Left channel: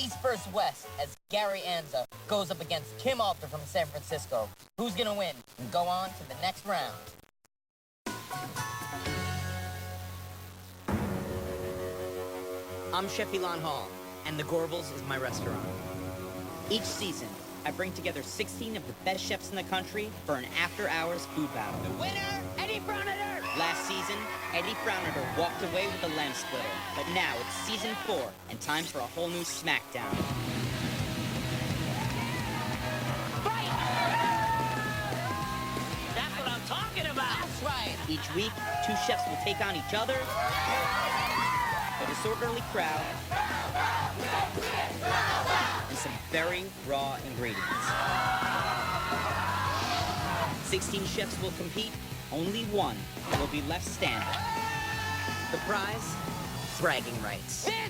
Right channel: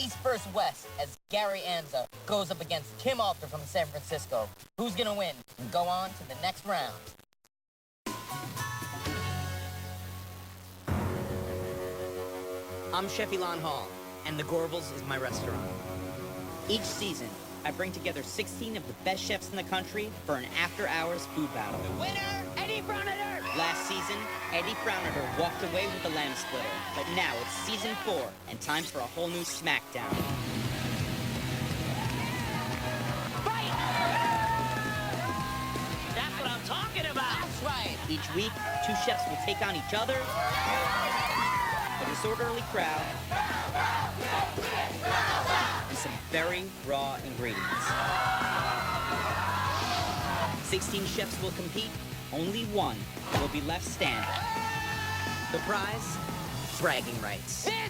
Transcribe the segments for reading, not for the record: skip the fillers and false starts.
East versus West as Gary Anza goes up against Kim Alter from San Francisco. Who's gonna win and go on to the next round? I'm Chef Elon Hall, and the Gorbals is my restaurant. Each season, I bring together 16 of the best chefs in the country for an after-hours food battle. Winner, Eddie Froniger! Last season, Eddie Froniger walked away with a lamb split, but now it's season 4, and time for a whole new smackdown. Fight! That's what I'm talking about! That's right! Each week, 2 chefs will take on each other. A disorderly crowd. Some very raw ingredients. 16 chefs will compete. Only one will be left standing. The prize? Bragging rights. This is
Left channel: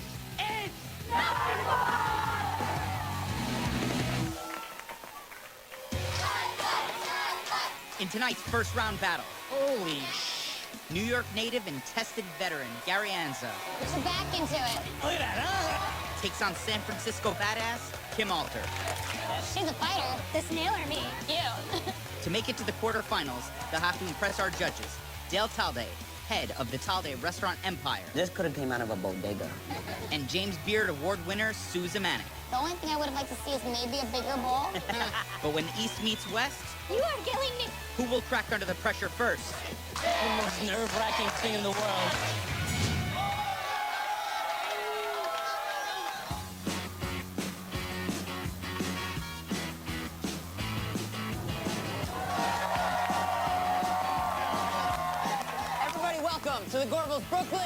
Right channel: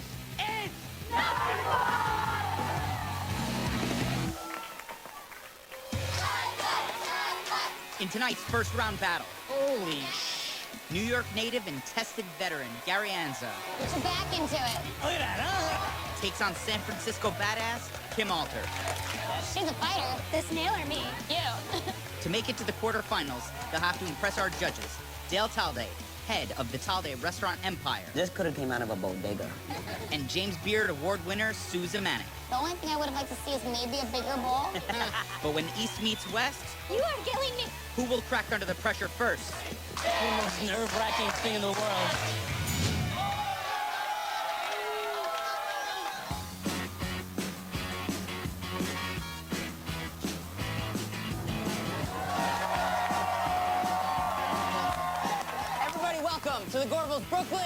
in tonight's first round battle. Holy New York native and tested veteran Gary Anza. Get back into it. Takes on San Francisco badass Kim Alter. She's a fighter. This new or me? You. To make it to the quarterfinals, they'll have to impress our judges. Dale Talde, head of the Talde restaurant empire. This could have came out of a bodega. And James Beard Award winner Susan Manick. The only thing I would have liked to see is maybe a bigger bowl. But when East meets West, You are killing me. who will crack under the pressure first? The most nerve-wracking thing in the world. Everybody welcome to the Gorbals Brooklyn.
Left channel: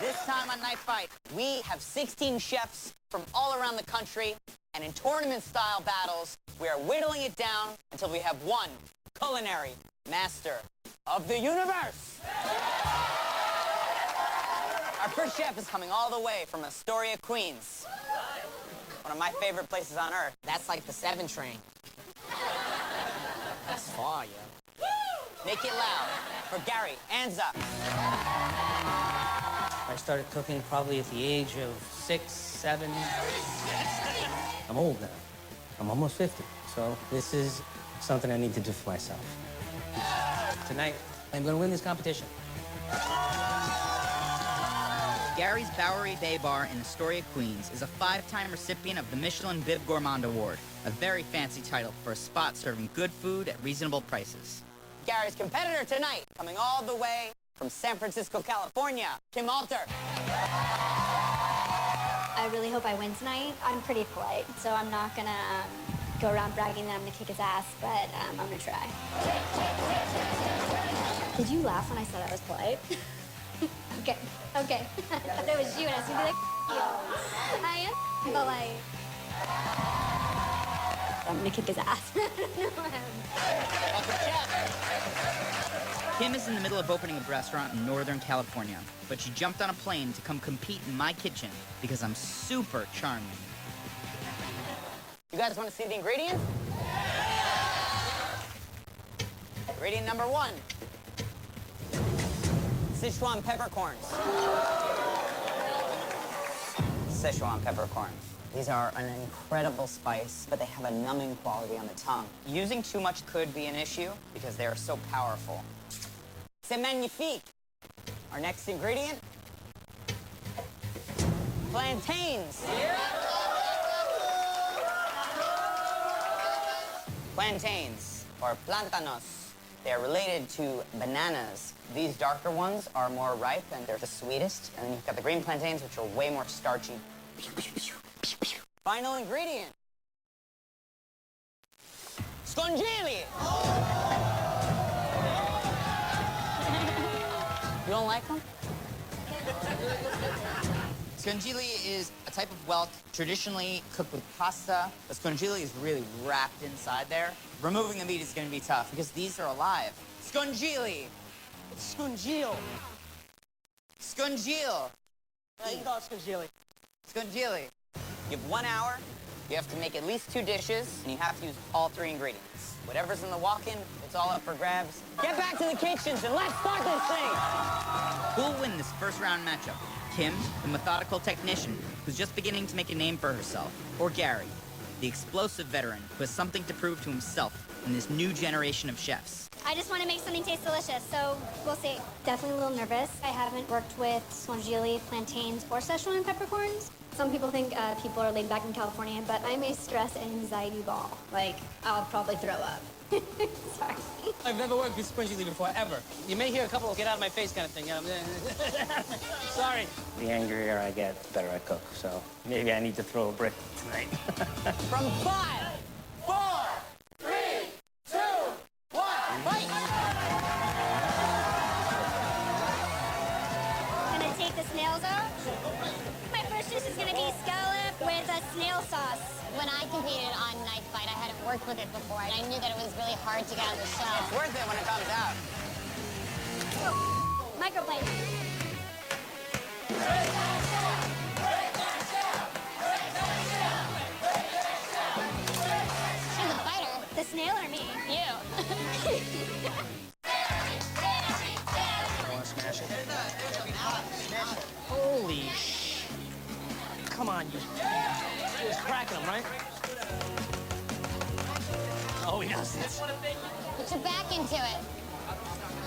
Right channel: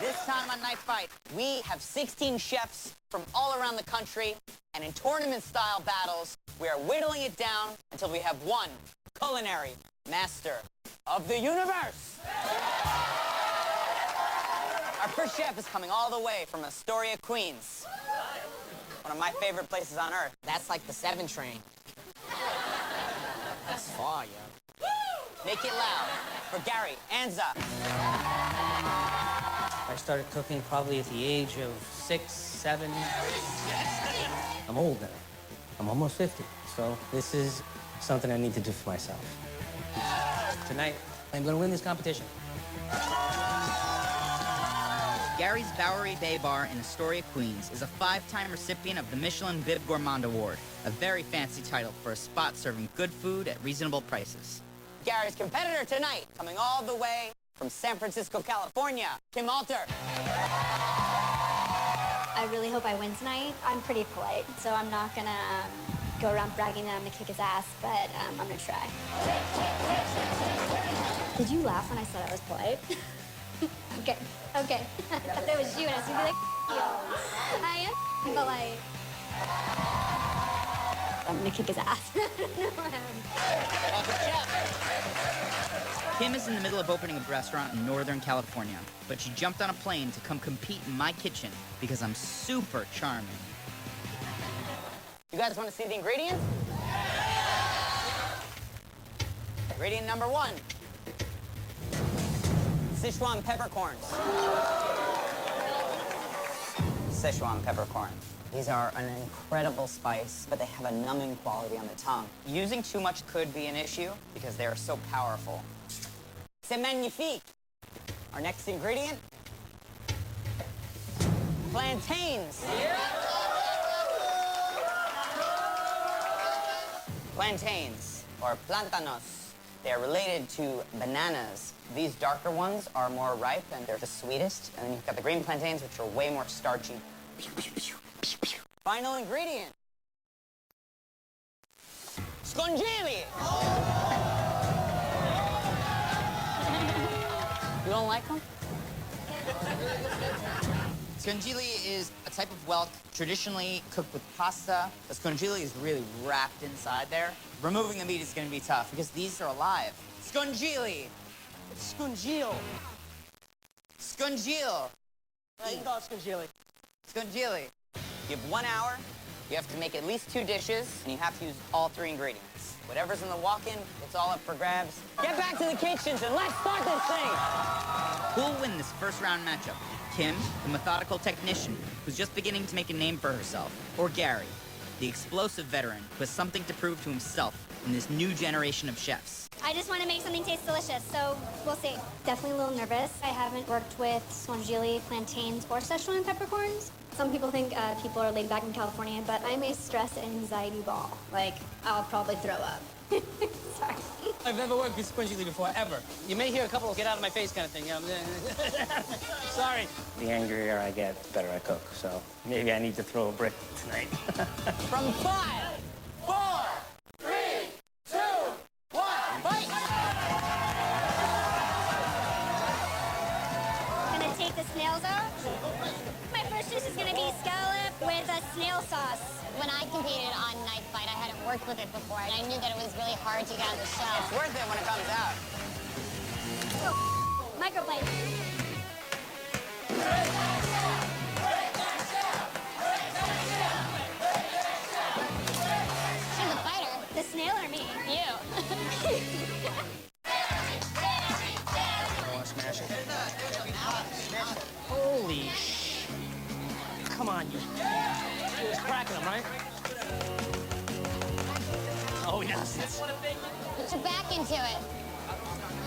This time on Night Fight, we have 16 chefs from all around the country, and in tournament-style battles, we are whittling it down until we have one culinary master of the universe. Our first chef is coming all the way from Astoria, Queens. One of my favorite places on earth. That's like the 7 train. That's far, yeah. Make it loud for Gary Anza. I started cooking probably at the age of 6, 7. I'm old now. I'm almost 50. So this is something I need to do for myself. Tonight, I'm gonna win this competition. Gary's Bowery Bay Bar in Astoria, Queens is a 5-time recipient of the Michelin Vib Gourmand Award, a very fancy title for a spot serving good food at reasonable prices. Gary's competitor tonight, coming all the way from San Francisco, California, Kim Alter. I really hope I win tonight. I'm pretty polite, so I'm not gonna go around bragging that I'm gonna kick his ass, but I'm gonna try. Did you laugh when I said I was polite? Okay. Okay. If it was you, I was gonna be like, you. But like, I'm gonna kick his ass. Kim is in the middle of opening a restaurant in Northern California, but she jumped on a plane to come compete in my kitchen because I'm super charming. You guys want to see the ingredients? Ingredient number 1. Sichuan peppercorns. Sichuan peppercorn. These are an incredible spice, but they have a numbing quality on the tongue. Using too much could be an issue because they are so powerful. C'est magnifique. Our next ingredient, plantains. Plantains, or plantanos. They are related to bananas. These darker ones are more ripe and they're the sweetest. And then you've got the green plantains, which are way more starchy. Final ingredient, scongeli. You don't like them? Scongeli is a type of whelk traditionally cooked with pasta. The scongeli is really wrapped inside there. Removing the meat is going to be tough because these are alive. Scongeli. Scongil. Scongil. How you call it scongeli? Scongeli. You have 1 hour. You have to make at least 2 dishes, and you have to use all 3 ingredients. Whatever's in the walk-in, it's all up for grabs. Get back to the kitchen and let's start this thing. Who'll win this first round matchup? Kim, the methodical technician, who's just beginning to make a name for herself, or Gary, the explosive veteran who has something to prove to himself in this new generation of chefs? I just want to make something taste delicious, so we'll see. Definitely a little nervous. I haven't worked with squangili, plantains, or Szechuan peppercorns. Some people think people are laid back in California, but I'm a stress and anxiety ball. Like, I'll probably throw up. Sorry. I've never worked with squangili before, ever. You may hear a couple get out of my face kind of thing. You know? Sorry. The angrier I get, the better I cook. So maybe I need to throw a brick tonight. From 5, 4, 3, 2, 1, fight! Gonna take the snails out. My first dish is gonna be scallop with a snail sauce. When I competed on Knife Fight, I hadn't worked with it before, and I knew that it was really hard to get on the show. It's worth it when it comes out. Microplane. She's a fighter. The snail or me? You. Holy sh... Come on, you. She was cracking them, right? Oh, yes. That's what I'm thinking. Put your back into it.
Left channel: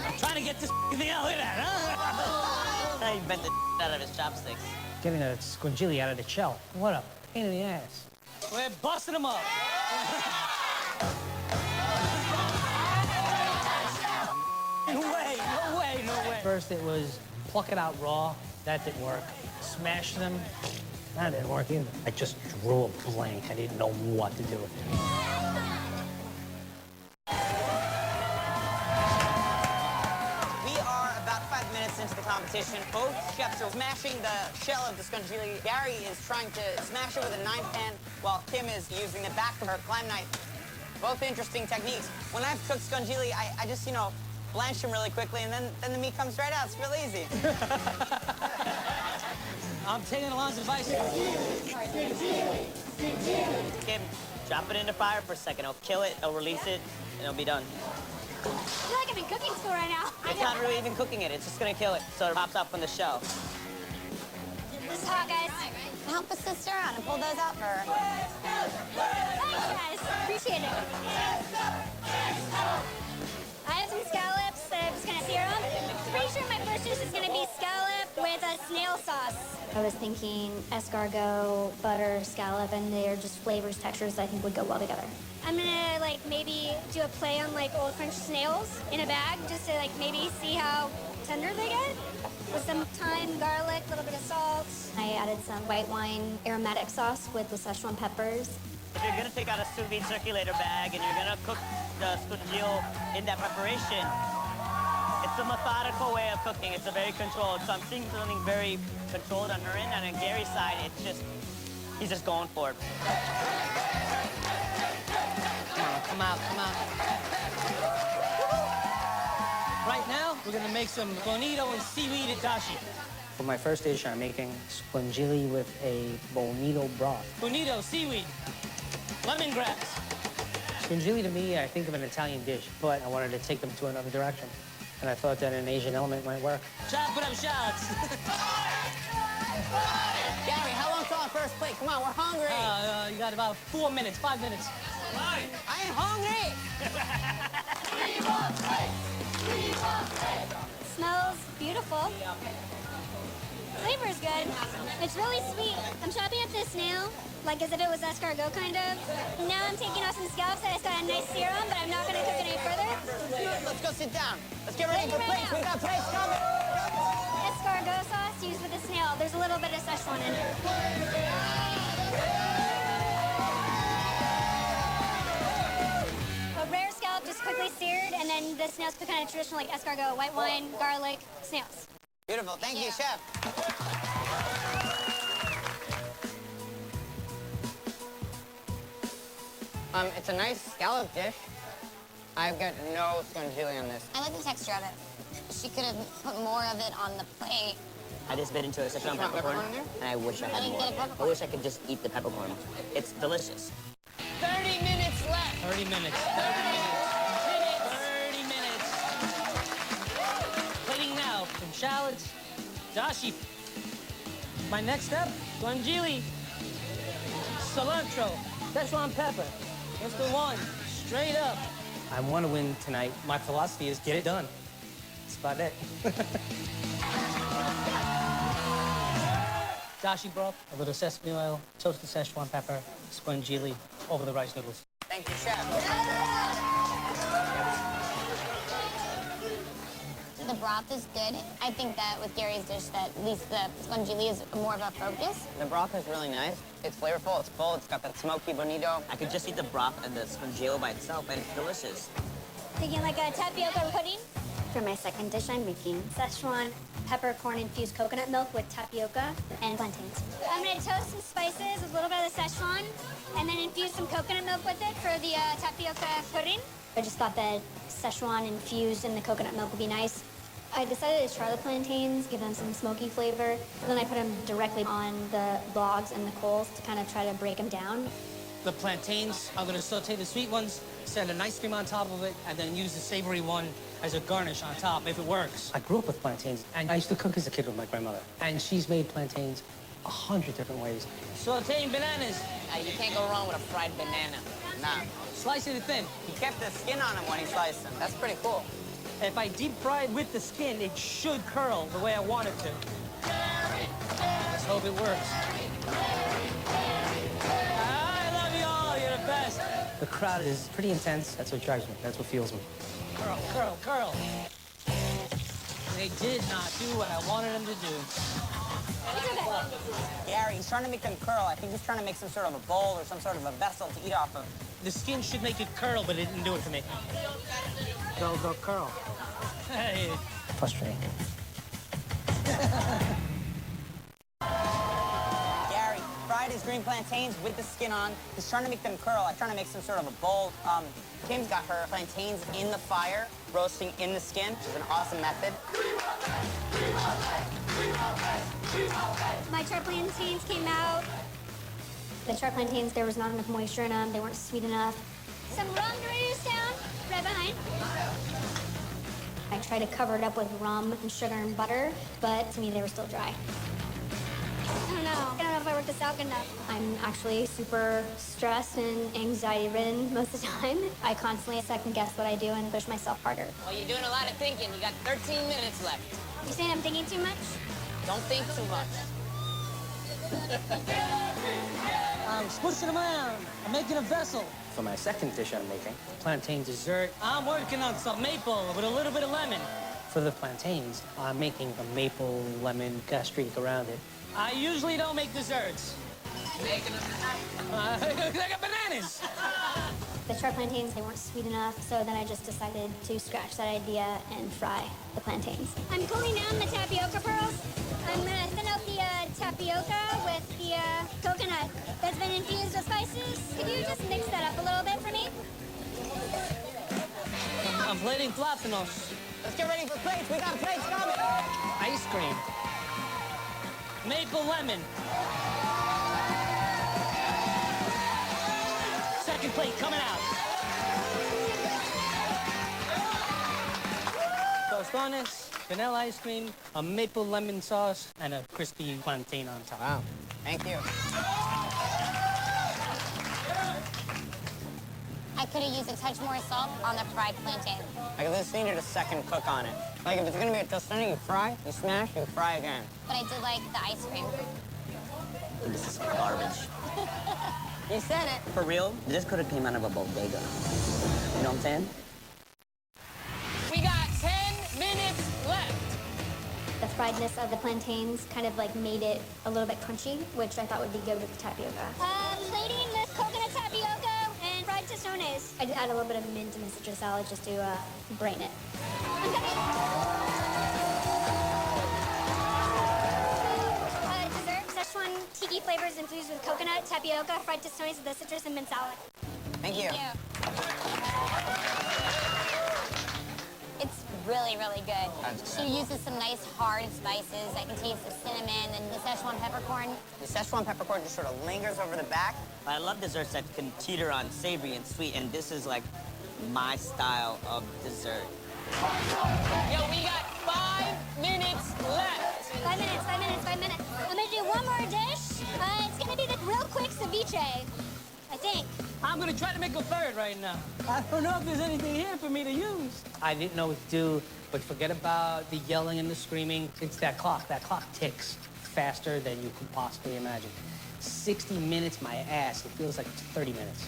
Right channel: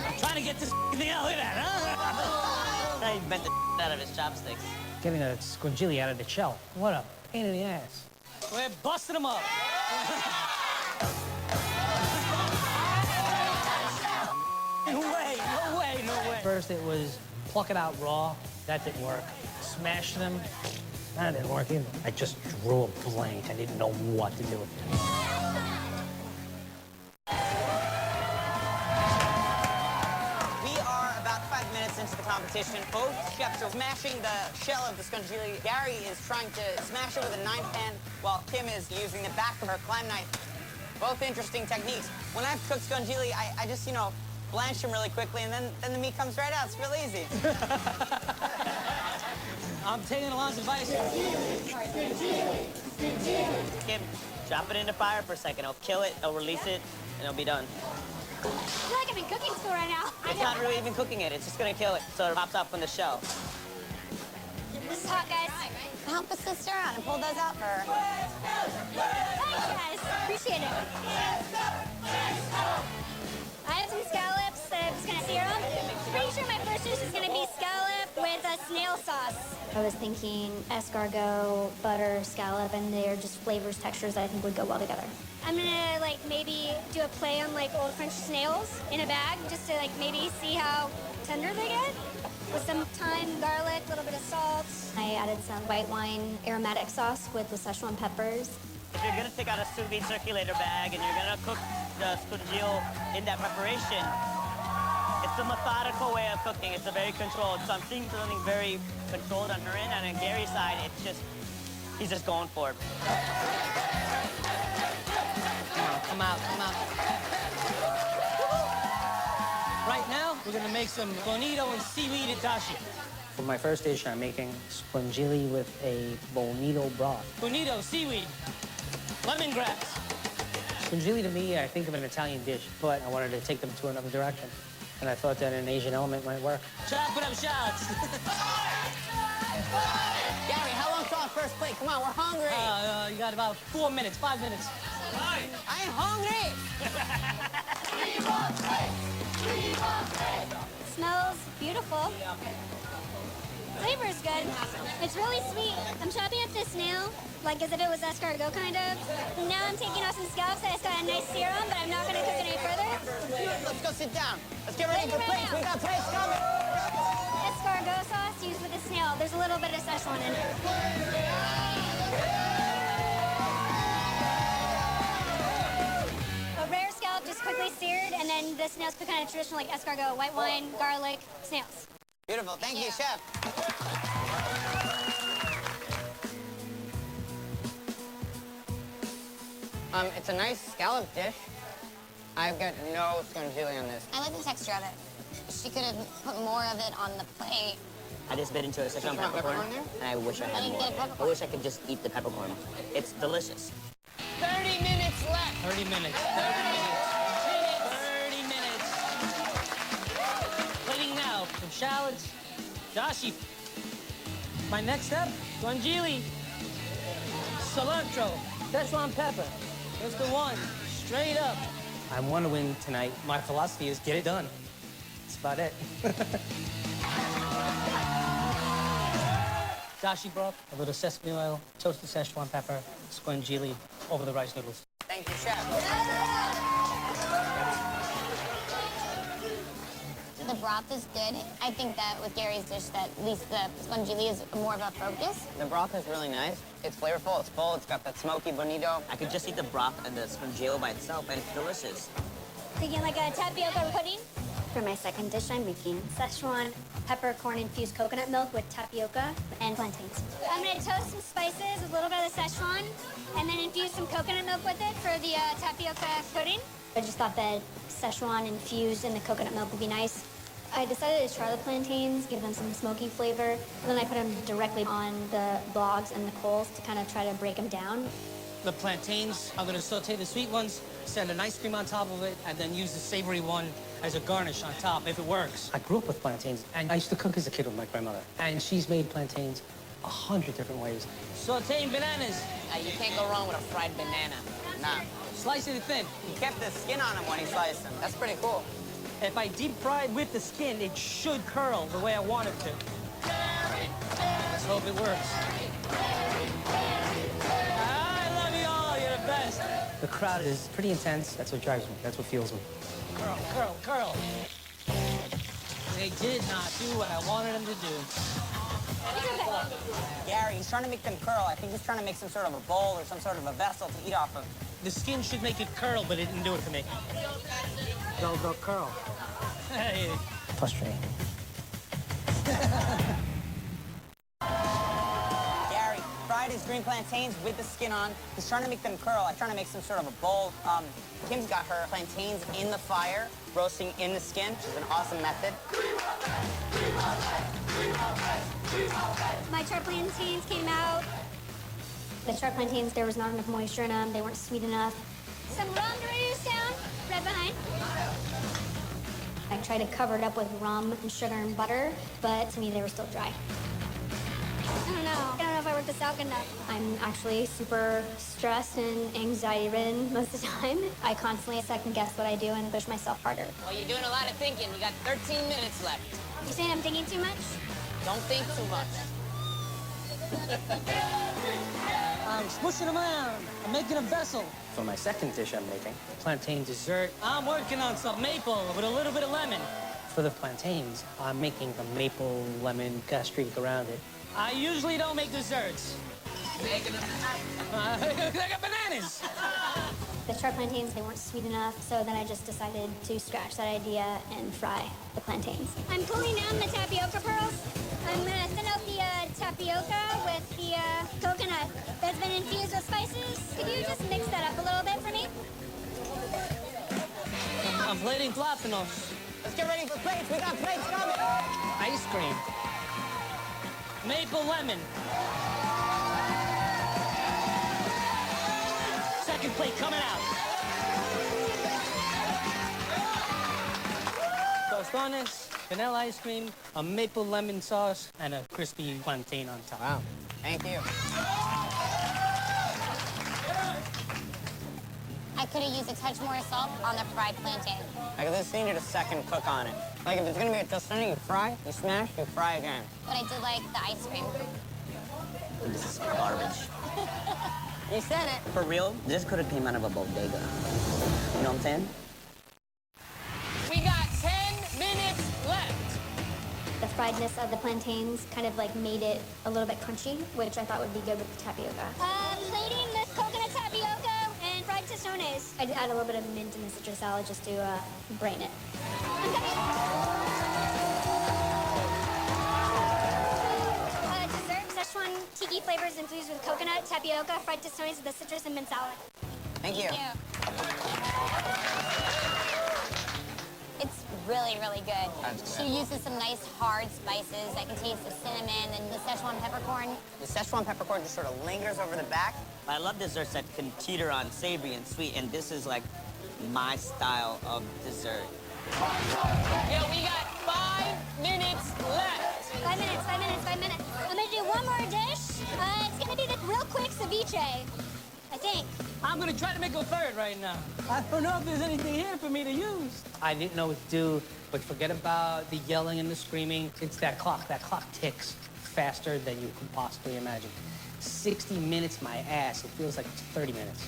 I'm trying to get this thing out of there, huh? He bent the out of his chopsticks. Getting a squangili out of the shell. What a pain in the ass. We're busting them up. No way. First it was pluck it out raw. That didn't work. Smash them. That didn't work either. I just drew a blank. I didn't know what to do. We are about 5 minutes into the competition. Both chefs are smashing the shell of the squangili. Gary is trying to smash it with a 9-pan, while Kim is using the back of her climb knife. Both interesting techniques. When I've cooked squangili, I just, blanch them really quickly, and then the meat comes right out. It's real easy. I'm taking a lot of advice. Kim, drop it in the fire for a second. It'll kill it, it'll release it, and it'll be done. I feel like I'm in cooking school right now. It's not really even cooking it. It's just gonna kill it, so it pops off from the shell. This is hot, guys. Help a sister out and pull those up for her. Guys, appreciate it. I have some scallops that I'm just gonna sear them. Pretty sure my first dish is gonna be scallop with a snail sauce. I was thinking escargot, butter, scallop, and they're just flavors, textures that I think would go well together. I'm gonna maybe do a play on old French snails in a bag, just to maybe see how tender they get. With some thyme, garlic, a little bit of salt. I added some white wine aromatic sauce with the Szechuan peppers. You're gonna take out a sous vide circulator bag and you're gonna cook the squangili in that preparation. It's a methodical way of cooking. It's a very controlled. So I'm seeing something very controlled on her end, and on Gary's side, he's just going for it. Come out. Right now, I'm gonna make some bonito and seaweed itashi. For my first dish, I'm making squangili with a bonito broth. Bonito, seaweed, lemongrass. Squangili to me, I think of an Italian dish, but I wanted to take them to another direction. And I thought that an Asian element might work. Chopping up shots. Gary, how long till our first plate? Come on, we're hungry. You got about 4 minutes, 5 minutes. I'm hungry. Smells beautiful. Flavor's good. It's really sweet. I'm chopping up this snail like as if it was escargot kind of. Now I'm taking off some scallops that I got a nice serum, but I'm not going to cook it any further. Let's go sit down. Let's get ready for plates. We got plates coming. Escargot sauce used with the snail. There's a little bit of Szechuan in it. A rare scallop just quickly seared, and then the snails cooked kind of traditional like escargot, white wine, garlic, snails. Beautiful. Thank you, chef. It's a nice scallop dish. I've got no squangili on this. I like the texture of it. She could have put more of it on the plate. I just bit into a Szechuan peppercorn, and I wish I had more. I wish I could just eat the peppercorn. It's delicious. 30 minutes left. 30 minutes. 30 minutes. Plating now some shallots, Dashi, my next step, guanciale, cilantro, Szechuan pepper. That's the one, straight up. I want to win tonight. My philosophy is get it done. That's about it. Dashi broth, a little sesame oil, toasted Szechuan pepper, guanciale over the rice noodles. Thank you, chef. The broth is good. I think that with Gary's dish, that at least the guanciale is more of a focus. The broth is really nice. It's flavorful, it's full, it's got that smoky bonito. I could just eat the broth and the spongiolo by itself, and it's delicious. Could you like a tapioca pudding? For my second dish, I'm making Szechuan peppercorn-infused coconut milk with tapioca and plantains. I'm gonna toast some spices with a little bit of Szechuan, and then infuse some coconut milk with it for the tapioca pudding. I just thought that Szechuan infused in the coconut milk would be nice. I decided to try the plantains, give them some smoky flavor, and then I put them directly on the logs and the coals to kind of try to break them down. The plantains, I'm gonna saute the sweet ones, send an ice cream on top of it, and then use the savory one as a garnish on top, if it works. I grew up with plantains, and I used to cook as a kid with my grandmother. And she's made plantains 100 different ways. Sauteing bananas. You can't go wrong with a fried banana. Nah. Slice it thin. He kept the skin on him when he sliced them. That's pretty cool. If I deep fry it with the skin, it should curl the way I want it to. Let's hope it works. I love you all, you're the best. The crowd is pretty intense. That's what drives me. That's what fuels me. Curl, curl, curl. They did not do what I wanted them to do. Gary, he's trying to make them curl. I think he's trying to make some sort of a bowl or some sort of a vessel to eat off of. The skin should make it curl, but it didn't do it to me. Don't curl. Hey. Frustrating. Gary fried his green plantains with the skin on. He's trying to make them curl. I'm trying to make some sort of a bowl. Kim's got her plantains in the fire, roasting in the skin, which is an awesome method. My char plantains came out. The char plantains, there was not enough moisture in them. They weren't sweet enough. Some rum reduced down, right behind. I tried to cover it up with rum and sugar and butter, but to me they were still dry. I don't know if I worked this out enough. I'm actually super stressed and anxiety-ridden most of the time. I constantly second guess what I do and push myself harder. Well, you're doing a lot of thinking. You got 13 minutes left. You saying I'm thinking too much? Don't think too much. I'm smushing them around. I'm making a vessel. For my second dish I'm making, plantain dessert, I'm working on some maple with a little bit of lemon. For the plantains, I'm making a maple lemon drink around it. I usually don't make desserts. I got bananas. The short plantains, they weren't sweet enough, so then I just decided to scratch that idea and fry the plantains. I'm cooling down the tapioca pearls. I'm gonna set out the tapioca with the coconut that's been infused with spices. Could you just mix that up a little bit for me? I'm plating plátano. Let's get ready for plates. We got plates coming. Ice cream. Maple lemon. Second plate coming out. Tostones, vanilla ice cream, a maple lemon sauce, and a crispy plantain on top. Wow. Thank you. I could have used a touch more salt on the fried plantain. I just needed a second cook on it. Like if it's gonna be a tostone, you fry, you smash, you fry again. But I did like the ice cream. This is garbage. You said it. For real, this could have came out of a bodega. You know what I'm saying? We got 10 minutes left. The friedness of the plantains kind of like made it a little bit crunchy, which I thought would be good with the tapioca. Plating the coconut tapioca and fried tostones. I add a little bit of mint in the citrus salad just to brain it. Dessert, Szechuan tiki flavors infused with coconut, tapioca, fried tostones with the citrus and mint salad. Thank you. Yeah. It's really, really good. That's good. She uses some nice hard spices that contains the cinnamon and the Szechuan peppercorn. The Szechuan peppercorn just sort of lingers over the back. I love desserts that can teeter on savory and sweet, and this is like my style of dessert. Yo, we got 5 minutes left. 5 minutes. ceviche. I think. I'm gonna try to make a third right now. I don't know if there's anything here for me to use. I didn't know what to do, but forget about the yelling and the screaming. It's that clock. That clock ticks faster than you could possibly imagine. 60 minutes, my ass. It feels like 30 minutes.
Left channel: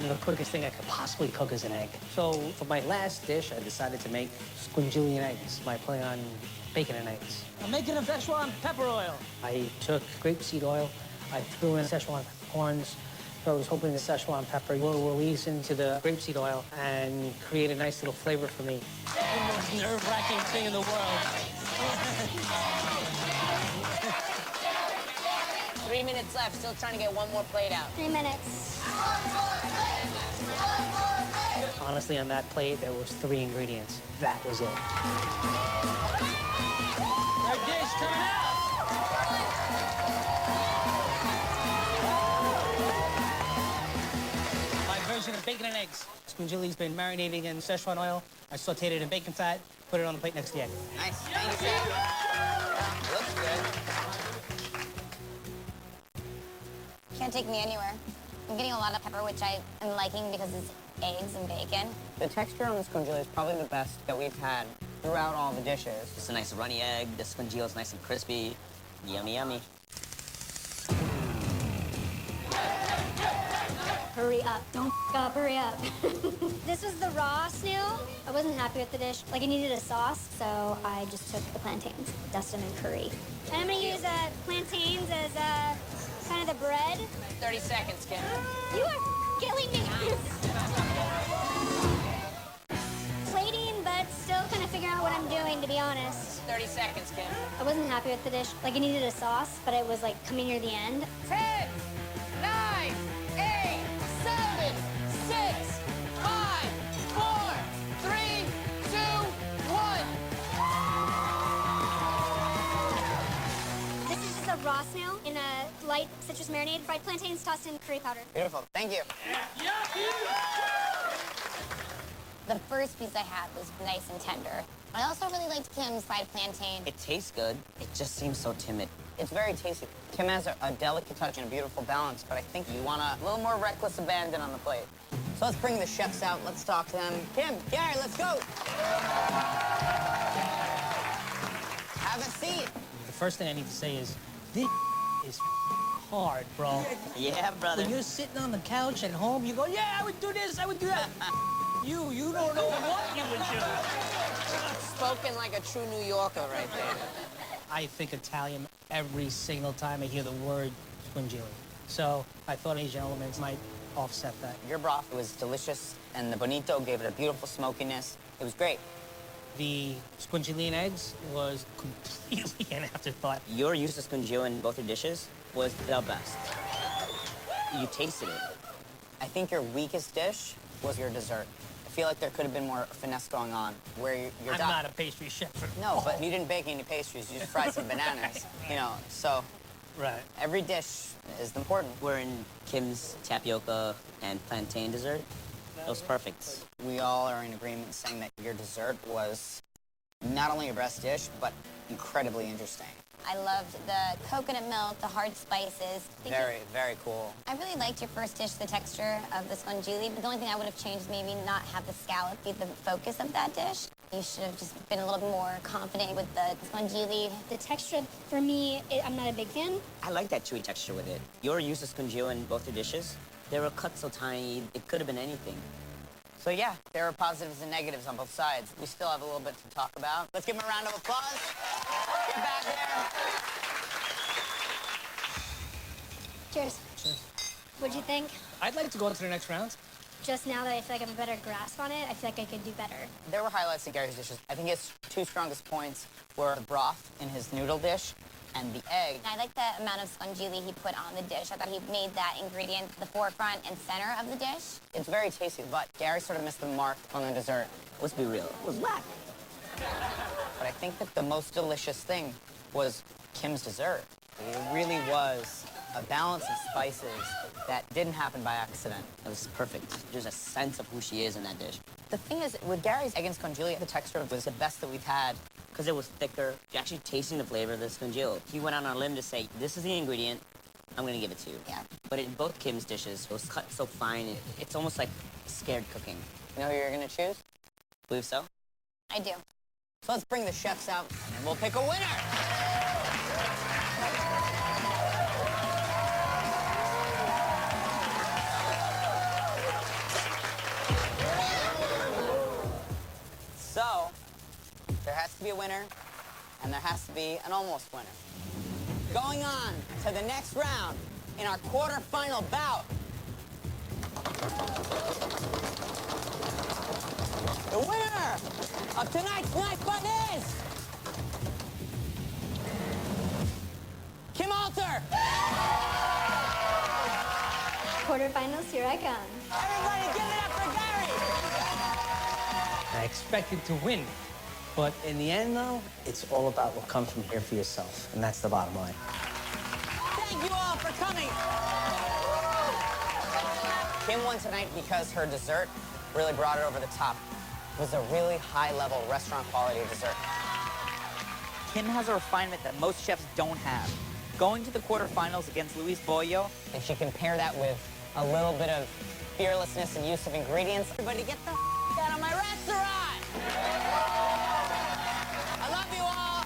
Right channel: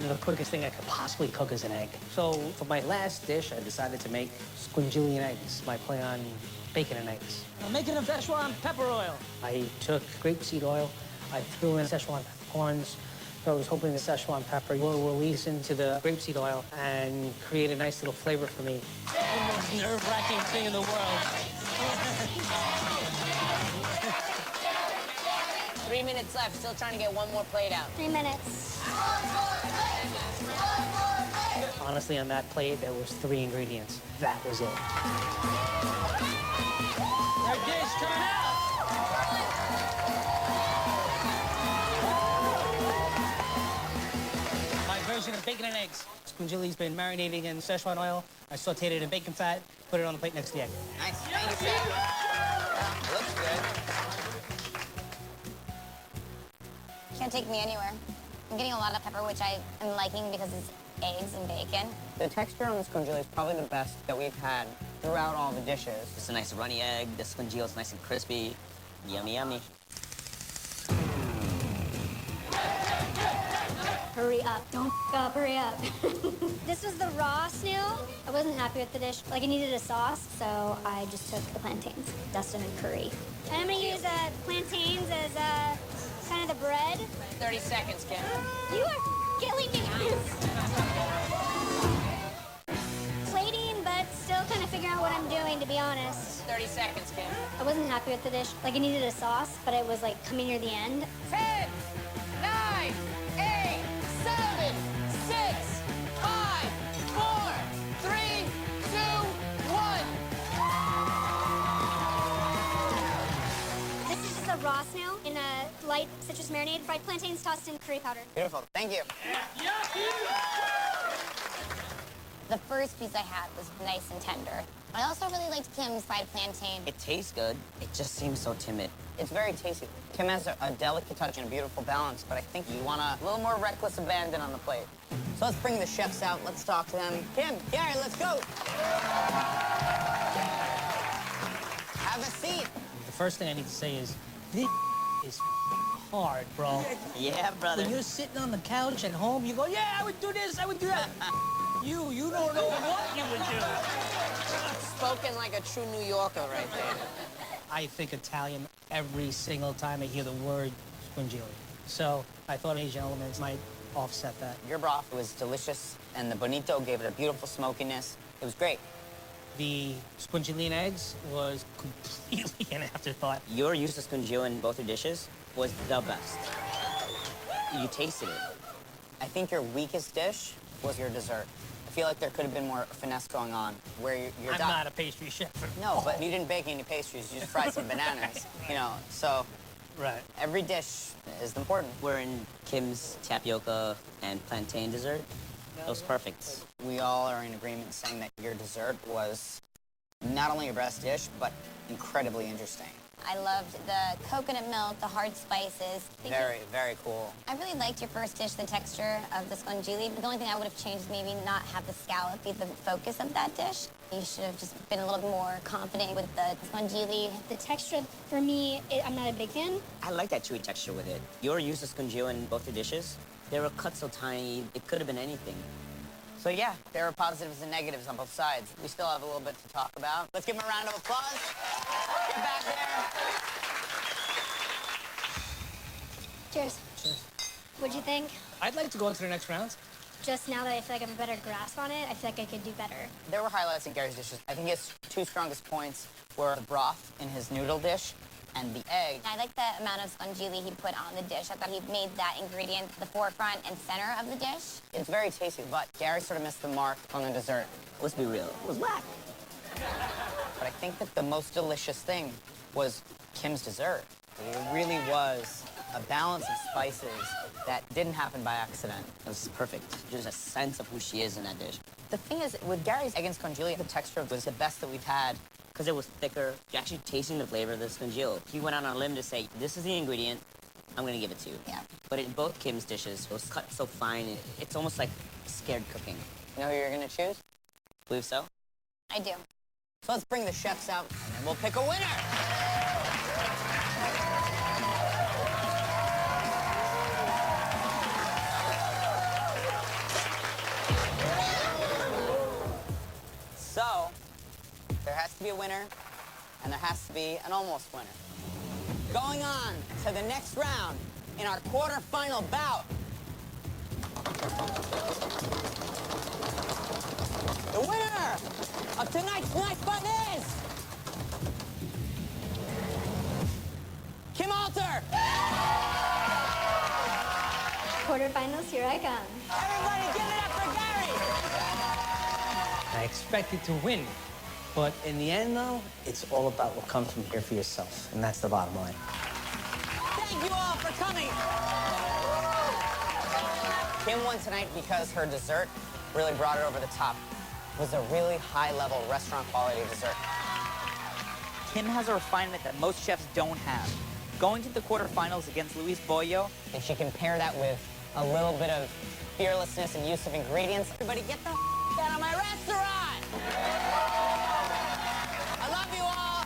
The quickest thing I could possibly cook is an egg. So for my last dish, I decided to make squinchillian eggs by play on bacon and eggs. I'm making a Szechuan pepper oil. I took grapeseed oil, I threw in Szechuan peppercorns. So I was hoping the Szechuan pepper will release into the grapeseed oil and create a nice little flavor for me. The most nerve-wracking thing in the world. 3 minutes left, still trying to get one more plate out. 3 minutes. Honestly, on that plate, there was 3 ingredients. That was it. My version of bacon and eggs. Squinchilli's been marinating in Szechuan oil. I sauteed it in bacon fat, put it on the plate next to the egg. Nice. Looks good. Can't take me anywhere. I'm getting a lot of pepper, which I am liking because it's eggs and bacon. The texture on this squinchilli is probably the best that we've had throughout all the dishes. It's a nice runny egg. The squinchilli is nice and crispy. Yummy, yummy. Hurry up. Don't up. Hurry up. This is the raw snail. I wasn't happy with the dish. Like, it needed a sauce, so I just took the plantains, dust them in curry. I'm gonna use plantains as kind of the bread. 30 seconds, Kim. You are killing me. Plating, but still kind of figure out what I'm doing, to be honest. 30 seconds, Kim. I wasn't happy with the dish. Like, it needed a sauce, but it was, like, coming near the end. 10, 9, 8, 7, 6, 5, 4, 3, 2, 1. This is just a raw snail in a light citrus marinade, fried plantains tossed in curry powder. Beautiful. Thank you. The first piece I had was nice and tender. I also really liked Kim's fried plantain. It tastes good. It just seems so timid. It's very tasty. Kim has a delicate touch and a beautiful balance, but I think you want a little more reckless abandon on the plate. So let's bring the chefs out. Let's talk to them. Kim, Gary, let's go. Have a seat. The first thing I need to say is, this is hard, bro. Yeah, brother. When you're sitting on the couch at home, you go, yeah, I would do this, I would do that. You don't know what you would do. Spoken like a true New Yorker right there. I think Italian every single time I hear the word squinchilli. So I thought Asian elements might offset that. Your broth was delicious, and the bonito gave it a beautiful smokiness. It was great. The squinchilli eggs was completely an afterthought. Your use of squinchilli in both your dishes was the best. You tasted it. I think your weakest dish was your dessert. I feel like there could have been more finesse going on, where you're I'm not a pastry chef. No, but you didn't bake any pastries. You just fried some bananas, you know. So Right. every dish is important. We're in Kim's tapioca and plantain dessert. That was perfect. We all are in agreement saying that your dessert was not only your best dish, but incredibly interesting. I loved the coconut milk, the hard spices. Very, very cool. I really liked your first dish, the texture of the squinchilli. The only thing I would have changed, maybe not have the scallop be the focus of that dish. You should have just been a little more confident with the squinchilli. The texture, for me, I'm not a big fan. I like that chewy texture with it. Your use of squinchilli in both your dishes, they were cut so tiny, it could have been anything. So yeah, there are positives and negatives on both sides. We still have a little bit to talk about. Let's give him a round of applause. Cheers. What'd you think? I'd like to go on to the next round. Just now that I feel like I have a better grasp on it, I feel like I could do better. There were highlights in Gary's dishes. I think his two strongest points were the broth in his noodle dish and the egg. I like the amount of squinchilli he put on the dish. I thought he made that ingredient the forefront and center of the dish. It's very tasty, but Gary sort of missed the mark on the dessert. Let's be real. It was whack. But I think that the most delicious thing was Kim's dessert. It really was a balance of spices that didn't happen by accident. It was perfect. There's a sense of who she is in that dish. The thing is, with Gary's egg and squinchilli, the texture was the best that we've had because it was thicker. You actually tasting the flavor of this congealed. He went on a limb to say, this is the ingredient, I'm gonna give it to you. Yeah. But in both Kim's dishes, it was cut so fine, it's almost like scared cooking. You know who you're gonna choose? Believe so? I do. So let's bring the chefs out, and then we'll pick a winner! So, there has to be a winner, and there has to be an almost winner. Going on to the next round in our quarterfinal bout. The winner of tonight's knife fight is Kim Alter. Quarterfinals, here I come. Everybody give it up for Gary. I expected to win. But in the end, though, it's all about what comes from here for yourself. And that's the bottom line. Thank you all for coming. Kim won tonight because her dessert really brought it over the top. It was a really high-level restaurant quality dessert. Kim has a refinement that most chefs don't have. Going to the quarterfinals against Luis Bollo, and she can pair that with a little bit of fearlessness and use of ingredients. Everybody get the out of my restaurant! I love you all.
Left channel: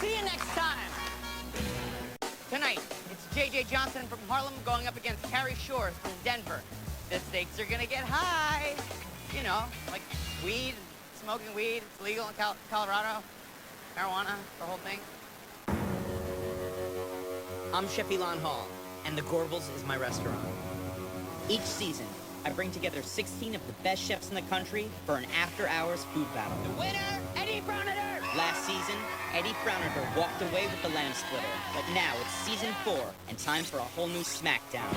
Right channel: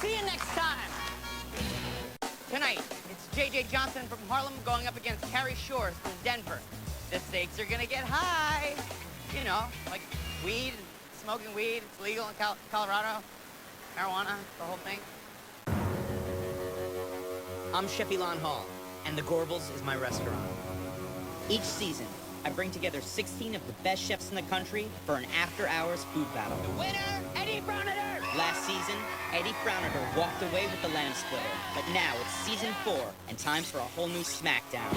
See you next time. Tonight, it's J.J. Johnson from Harlem going up against Carrie Shores from Denver. The stakes are gonna get high. You know, like weed, smoking weed. It's legal in Colorado. Marijuana, the whole thing. I'm Chef Elon Hall, and the Gorbals is my restaurant. Each season, I bring together 16 of the best chefs in the country for an after-hours food battle. The winner, Eddie Browner! Last season, Eddie Browner walked away with the lamb splitter. But now it's season 4, and time for a whole new smackdown.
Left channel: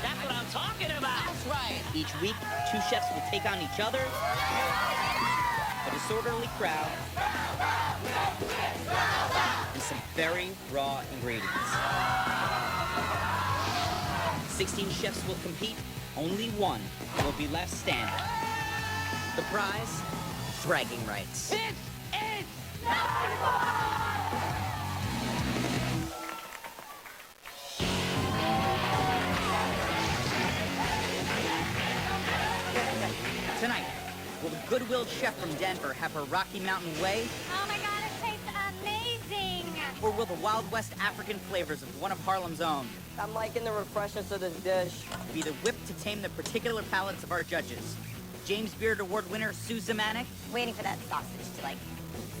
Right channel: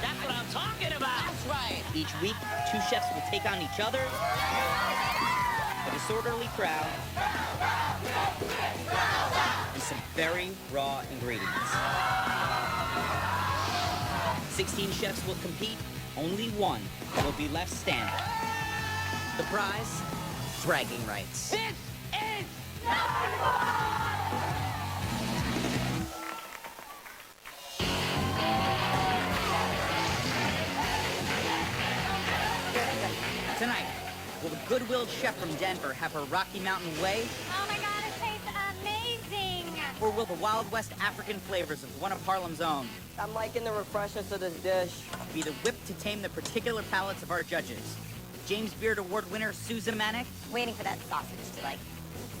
That's what I'm talking about! That's right! Each week, 2 chefs will take on each other. A disorderly crowd. Some very raw ingredients. 16 chefs will compete. Only one will be left standing. The prize? Bragging rights. Tonight, will the Goodwill chef from Denver have her Rocky Mountain way? Oh my god, it tastes amazing! Or will the Wild West African flavors of one of Harlem's own? I'm liking the refreshness of this dish. Be the whip to tame the particular palates of our judges. The James Beard Award winner, Susan Manick. Waiting for that sausage to, like,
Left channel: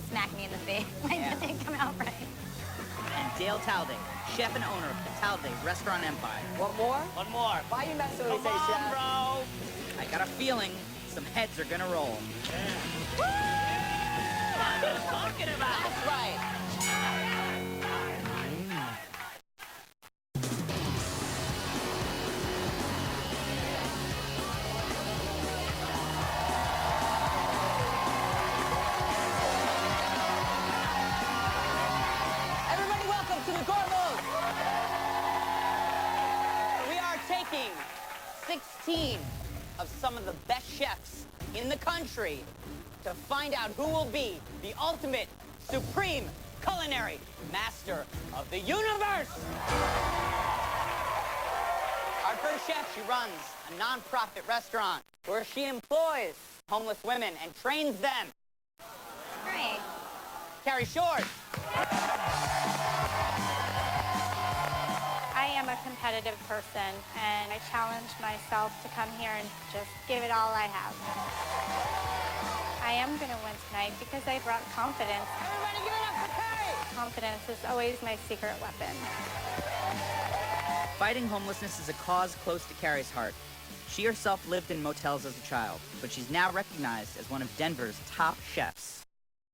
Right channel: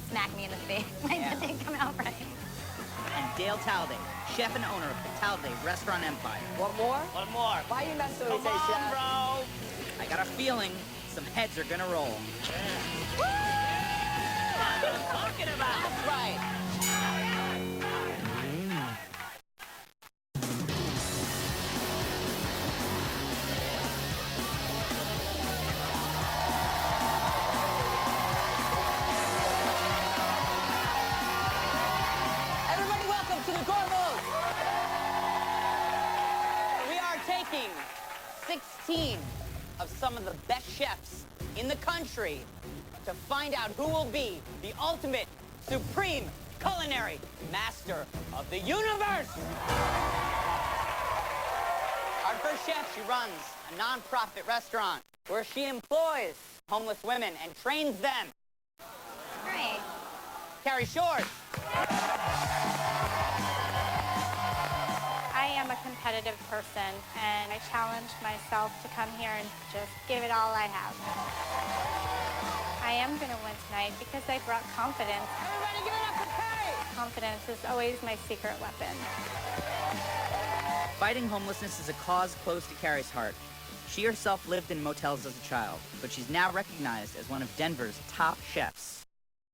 smack me in the face. It ain't coming out right. And Dale Talday, chef and owner of the Talday Restaurant Empire. One more? One more. Why are you messing with me, Chef? Bro. I got a feeling some heads are gonna roll. What I'm talking about. That's right. Everybody, welcome to the Gorbals. We are taking 16 of some of the best chefs in the country to find out who will be the ultimate, supreme culinary master of the universe. Our first chef, she runs a non-profit restaurant where she employs homeless women and trains them. Great. Carrie Shores. I am a competitive person, and I challenge myself to come here and just give it all I have. I am going to win tonight because I brought confidence. Everybody give it up for Carrie. Confidence is always my secret weapon. Fighting homelessness is a cause close to Carrie's heart. She herself lived in motels as a child, but she's now recognized as one of Denver's top chefs.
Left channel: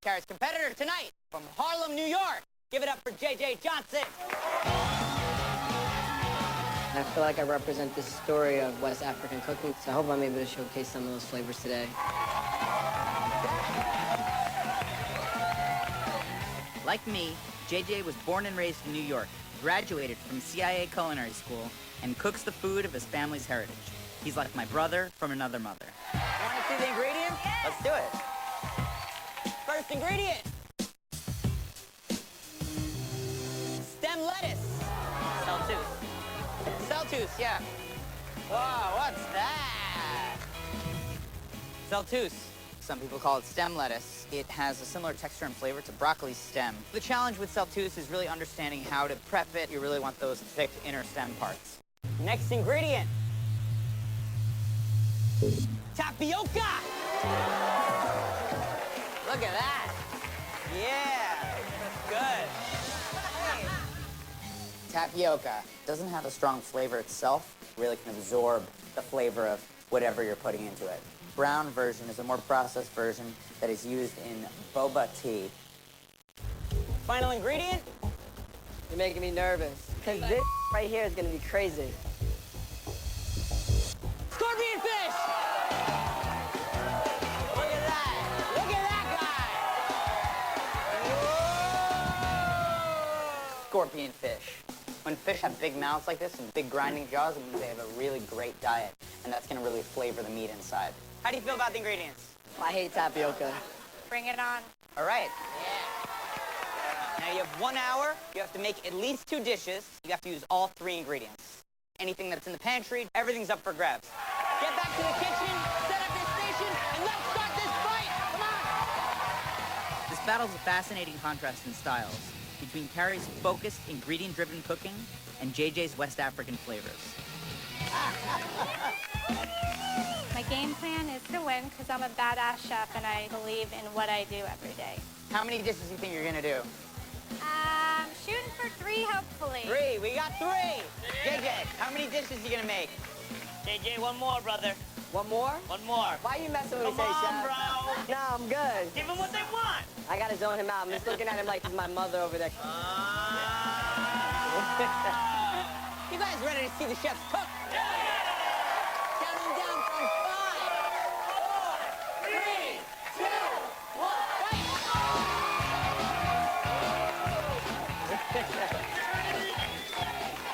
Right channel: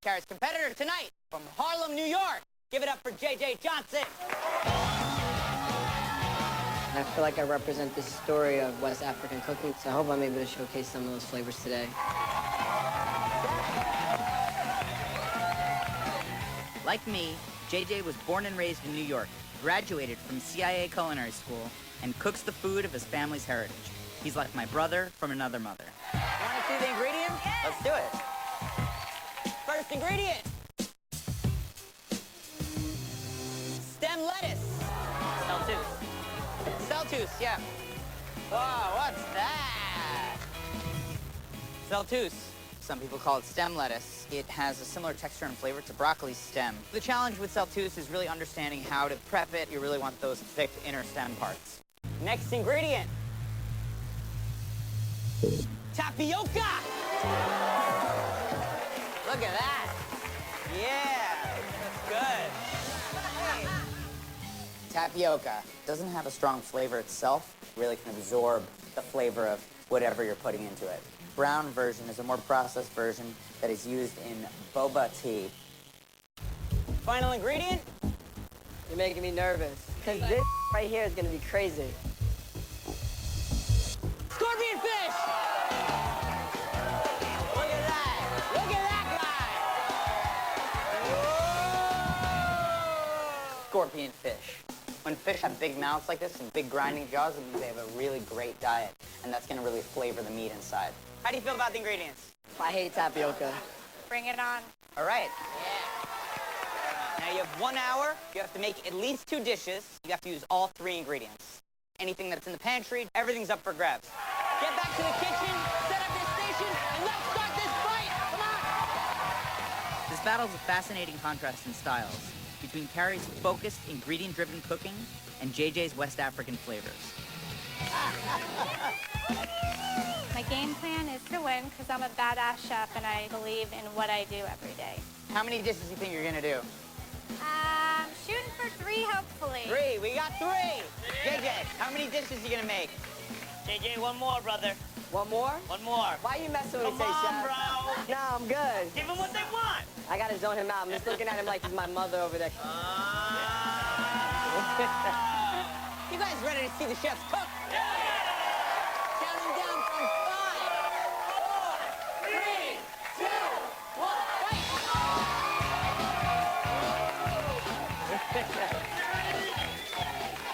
Carrie's competitor tonight from Harlem, New York. Give it up for J.J. Johnson. And I feel like I represent this story of West African cooking, so I hope I'm able to showcase some of those flavors today. Like me, J.J. was born and raised in New York, graduated from CIA Culinary School, and cooks the food of his family's heritage. He's like my brother from another mother. Want to see the ingredients? Let's do it. First ingredient. Stem lettuce. Celtus, yeah. Whoa, what's that? Celtus. Some people call it stem lettuce. It has a similar texture and flavor to broccoli stem. The challenge with Celtus is really understanding how to prep it. You really want those thick inner stem parts. Next ingredient. Tapioca! Look at that! Yeah! Good! Tapioca doesn't have a strong flavor itself. Really can absorb the flavor of whatever you're putting into it. Brown version is a more processed version that is used in boba tea. Final ingredient? You're making me nervous. Because this right here is going to be crazy. Scorpion fish! Look at that! Look at that guy! Scorpion fish. When fish have big mouths like this and big grinding jaws, it means they have a really great diet, and that's going to really flavor the meat inside. How do you feel about the ingredients? I hate tapioca. Bring it on. All right. Now you have 1 hour. You have to make at least 2 dishes. You have to use all 3 ingredients. Anything that's in the pantry, everything's up for grabs. Get back to the kitchen, set up the station, and let's start this fight! Come on! This battle's a fascinating contrast in styles between Carrie's focused, ingredient-driven cooking and JJ's West African flavors. My game plan is to win because I'm a badass chef and I believe in what I do every day. How many dishes do you think you're gonna do? Shooting for 3, hopefully. 3, we got 3! JJ, how many dishes are you gonna make? JJ, 1 more, brother. 1 more? 1 more. Why you messing with me, Come on, Chef? bro. No, I'm good. Give them what they want. I gotta zone him out. I'm just looking at him like he's my mother over there. You guys ready to see the chefs cook? Count them down from 5, 4, 3, 2, 1.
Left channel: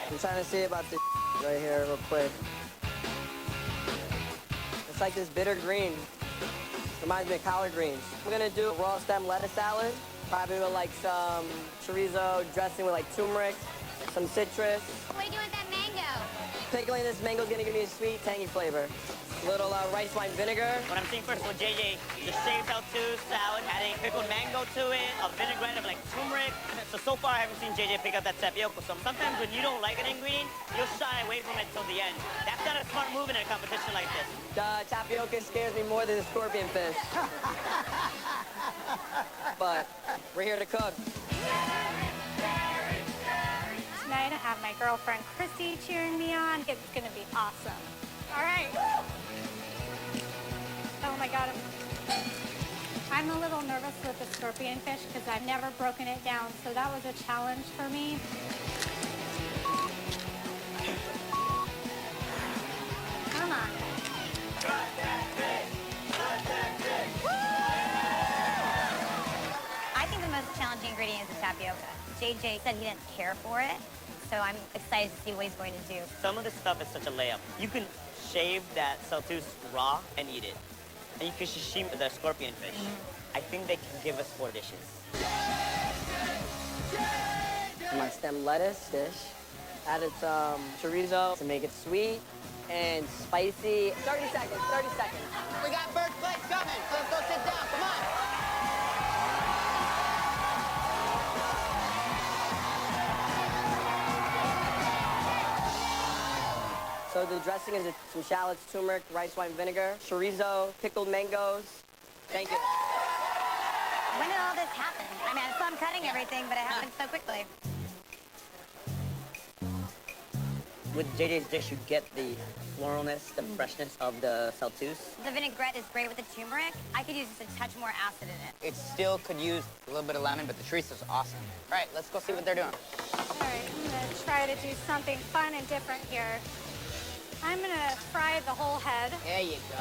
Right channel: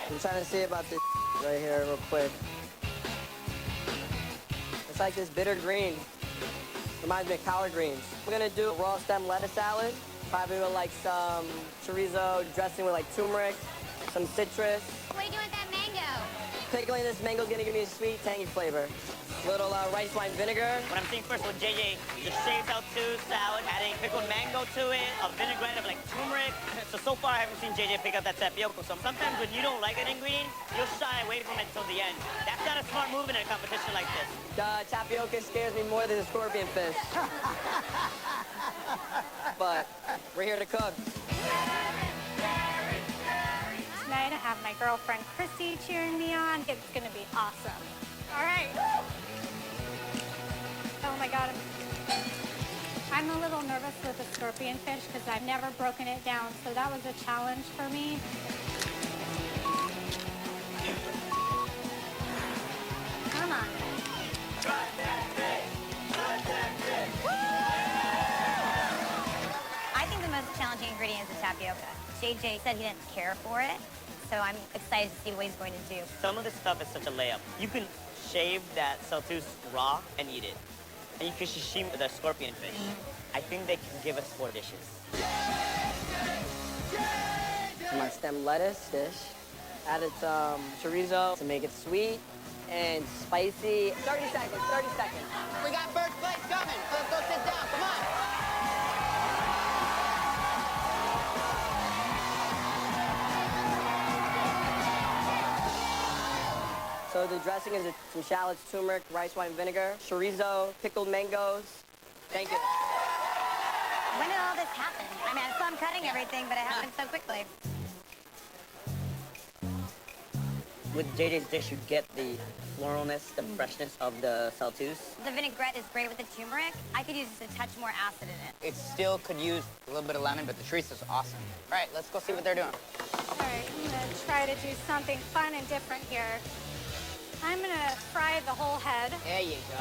I'm trying to see about this right here real quick. It's like this bitter green. Reminds me of collard greens. We're gonna do room stem lettuce salad. Probably with like some chorizo dressing with like turmeric, some citrus. What are you doing with that mango? Pickling this mango's gonna give me a sweet, tangy flavor. Little rice wine vinegar. What I'm seeing first, when JJ just shaved out 2 salad, adding pickled mango to it, a vinaigrette of like turmeric. So far I haven't seen JJ pick up that tapioca. So sometimes when you don't like an ingredient, you'll shy away from it till the end. That's not a smart move in a competition like this. The tapioca scares me more than the scorpion fish. But we're here to cook. Tonight I have my girlfriend Chrissy cheering me on. It's gonna be awesome. All right. Oh my God. I'm a little nervous with the scorpion fish because I've never broken it down, so that was a challenge for me. Come on. I think the most challenging ingredient is the tapioca. JJ said he didn't care for it, so I'm excited to see what he's going to do. Some of the stuff is such a layup. You can shave that Celtus raw and eat it. And you can shave the scorpion fish. I think they can give us 4 dishes. My stem lettuce dish. Added some chorizo to make it sweet and spicy. 30 seconds, 30 seconds. We got first fight coming. Let's go sit down. Come on. So the dressing is some shallots, turmeric, rice wine vinegar, chorizo, pickled mangoes. Thank you. When did all this happen? I mean, I saw him cutting everything, but it happened so quickly. With JJ's dish, you get the floralness, the freshness of the Celtus. The vinaigrette is great with the turmeric. I could use a touch more acid in it. It still could use a little bit of lemon, but the chorizo is awesome. All right, let's go see what they're doing. All right, I'm gonna try to do something fun and different here. I'm gonna fry the whole head. There you go.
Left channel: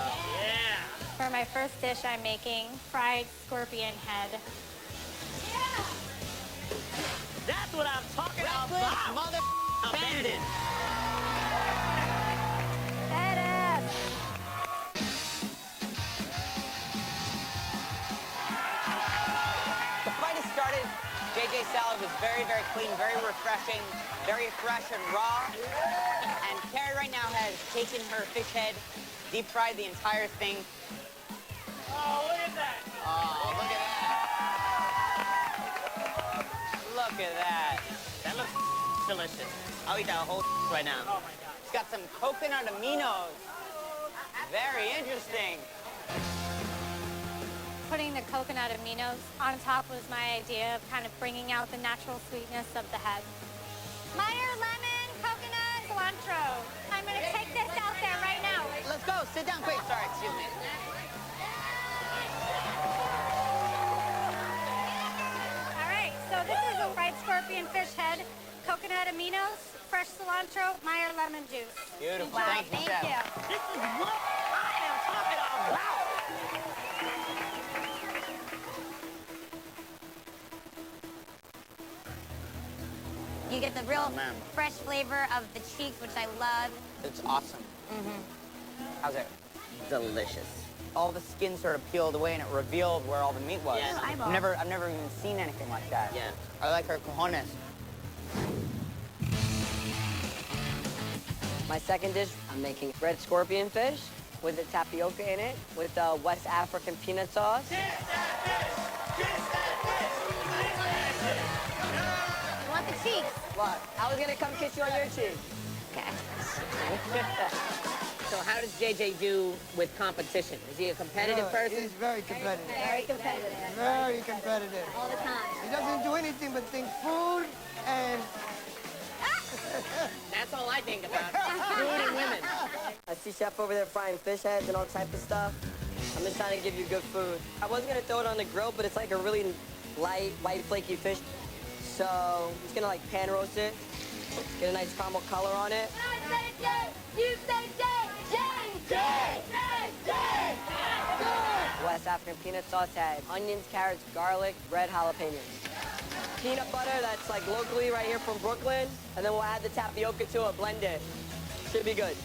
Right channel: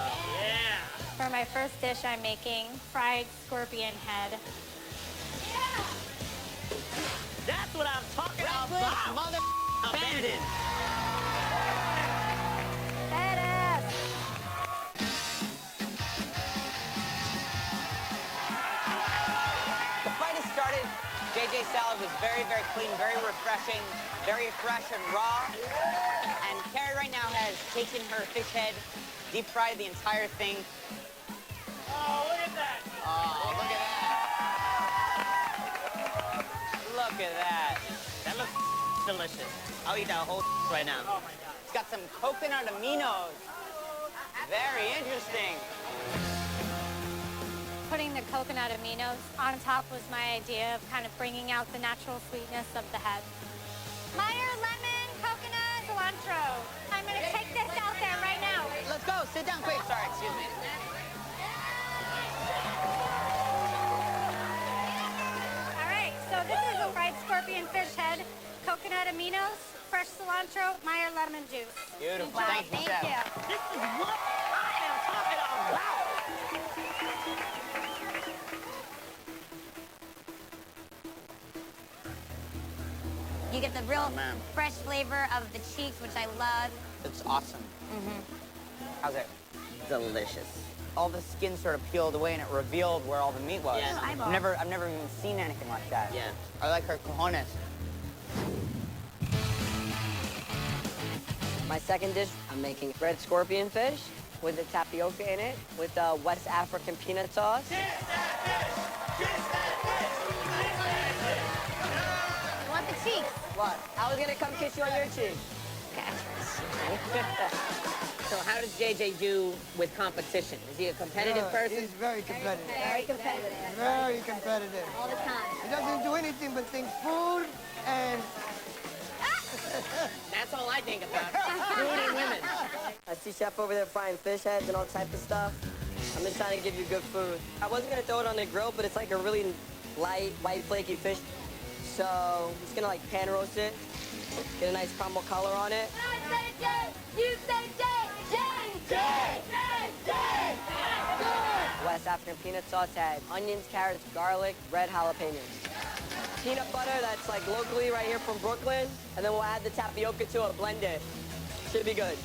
Yeah. For my first dish, I'm making fried scorpion head. That's what I'm talking about. Badass. JJ's salad is very, very clean, very refreshing, very fresh and raw. And Carrie right now has taken her fish head, deep fried the entire thing. Oh, look at that! Oh, look at that! Look at that! That looks delicious. I'll eat that whole right now. It's got some coconut aminos. Very interesting. Putting the coconut aminos on top was my idea of kind of bringing out the natural sweetness of the head. Fire, lemon, coconut, cilantro. I'm gonna take this out there right now. Let's go. Sit down, please. Sorry, excuse me. All right, so this is a fried scorpion fish head, coconut aminos, fresh cilantro, fire, lemon juice. Beautiful. Thank you, Chef. you. This is what I am talking about. You get the real man. fresh flavor of the cheeks, which I love. It's awesome. How's it? Delicious. All the skin sort of peeled away and it revealed where all the meat was. Yeah, I've never even seen anything like that. Yeah. I like her cojones. My second dish, I'm making red scorpion fish with the tapioca in it, with West African peanut sauce. Want the cheeks? What? I was gonna come kiss you on your cheek. So how does JJ do with competition? Is he a competitive person? He's very competitive. Very competitive. Very competitive. All the time. He doesn't do anything but think food and That's all I think about. Food and women. I see Chef over there frying fish heads and all type of stuff. I'm just trying to give you good food. I wasn't gonna throw it on the grill, but it's like a really light, white, flaky fish. So I'm just gonna like pan roast it, get a nice caramel color on it. West African peanut sauce has onions, carrots, garlic, red jalapenos. Peanut butter that's like locally right here from Brooklyn, and then we'll add the tapioca to it, blend it. Should be good.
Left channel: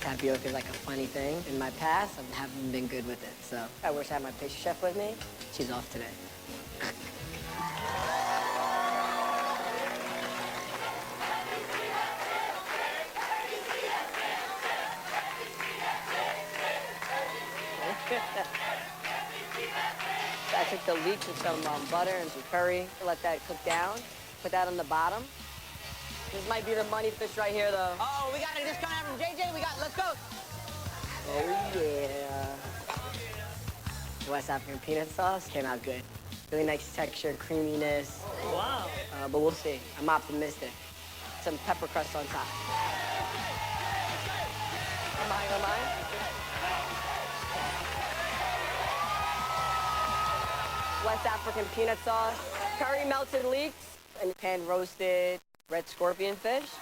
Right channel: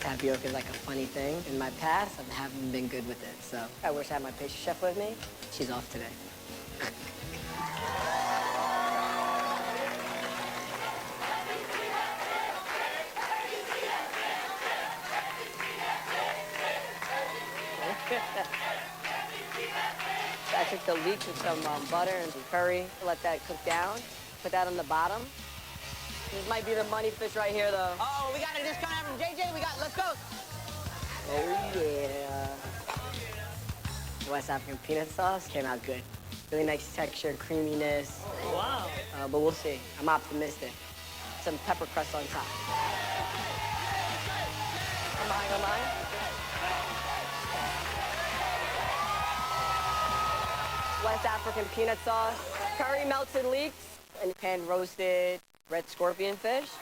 Tapioca is like a funny thing. In my past, I haven't been good with it, so I wish I had my pastry chef with me. She's off today. So I took the leek with some butter and some curry, let that cook down, put that on the bottom. This might be the money fish right here, though. Oh, we got a discount from JJ. Let's go. Oh, yeah. The West African peanut sauce came out good. Really nice texture, creaminess. Wow. But we'll see. I'm optimistic. Some pepper crust on top. Am I? West African peanut sauce, curry melted leeks, and pan roasted red scorpion fish.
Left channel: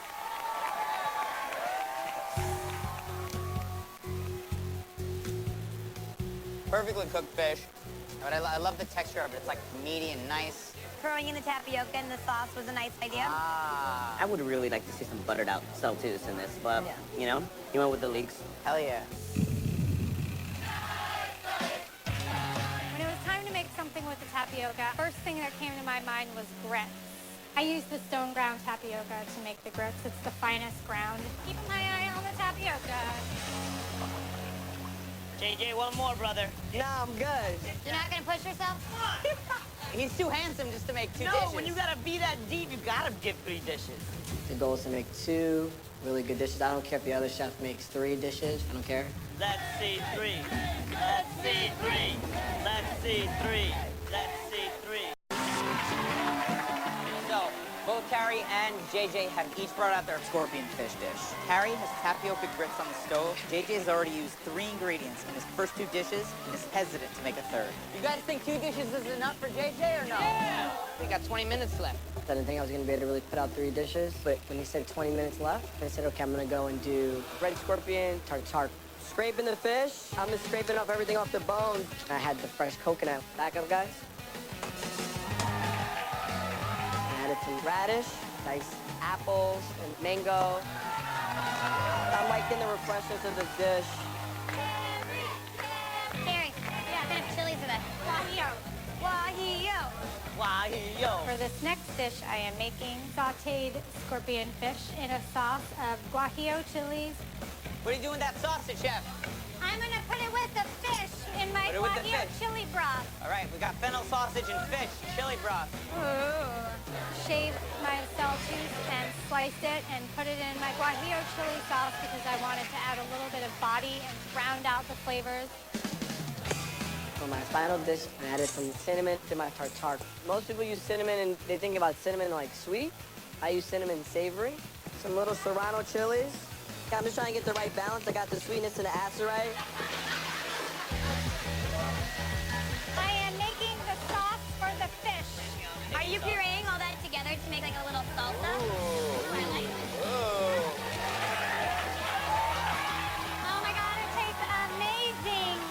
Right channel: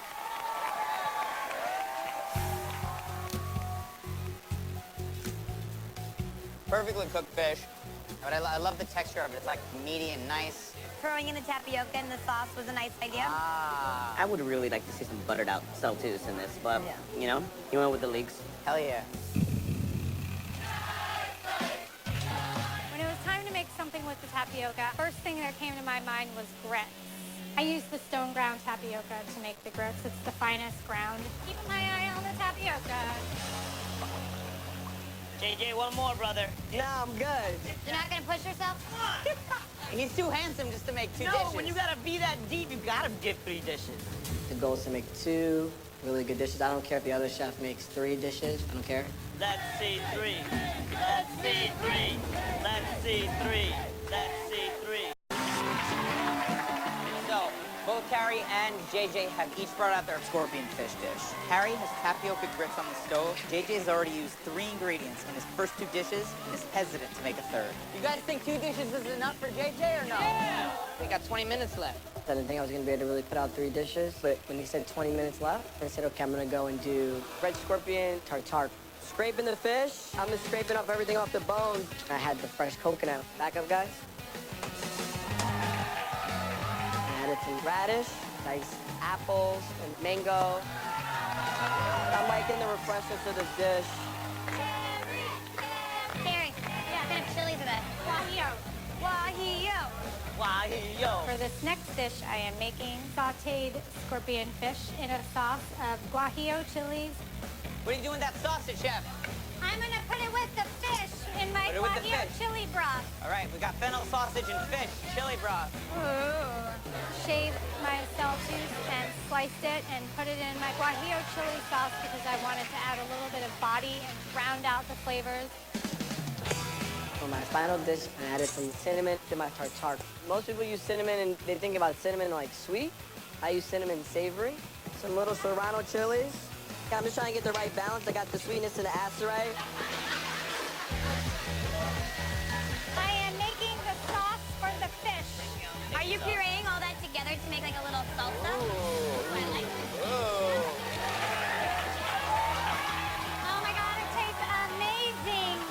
Perfectly cooked fish. But I love the texture of it. It's like meaty and nice. Throwing in the tapioca and the sauce was a nice idea. I would really like to see some buttered out saltus in this, but, you know, You went with the leeks. Hell yeah. When it was time to make something with the tapioca, first thing that came to my mind was grits. I use the stone ground tapioca to make the grits. It's the finest ground. Keep my eye on the tapioca. JJ, one more, brother. yeah, I'm good. You're not gonna push yourself? He's too handsome just to make two no, dishes. when you gotta be that deep, you gotta get 3 dishes. The goal is to make 2 really good dishes. I don't care if the other chef makes 3 dishes. I don't care. Let's see 3. Let's see 3. Let's see 3. Let's see 3. So, both Carrie and JJ have each brought out their scorpion fish dish. Carrie has tapioca grits on the stove. JJ has already used 3 ingredients in his first 2 dishes and is hesitant to make a 3rd. You guys think 2 dishes is enough for JJ or no? Yeah! We got 20 minutes left. I didn't think I was gonna be able to really put out 3 dishes, but when they said 20 minutes left, I said, okay, I'm gonna go and do red scorpion tartare. Scraping the fish, I'm gonna scrape it off everything off the bone. I had the fresh coconut. Back up, guys. Added some radish, nice apples, and mango. I'm liking the refreshment of the fish. Karen, yeah, a little chili to that. Fire! Fire! Guajillo. For this next dish, I am making sauteed scorpion fish in a sauce of guajillo chilies. What are you doing with that sausage, Chef? I'm gonna put it with the fish in my Put it with the guajillo fish. chili broth. All right, we got fennel sausage and fish, chili broth. Shaved my saltines and sliced it and put it in my guajillo chili sauce because I wanted to add a little bit of body and round out the flavors. For my final dish, I added some cinnamon to my tartare. Most people use cinnamon and they think about cinnamon like sweet. I use cinnamon savory. Some little serrano chilies. I'm just trying to get the right balance. I got the sweetness and the acid right. I am making the sauce for the fish. Are you pureeing all that together to make like a little salsa? I like it. Oh my god, it tastes amazing!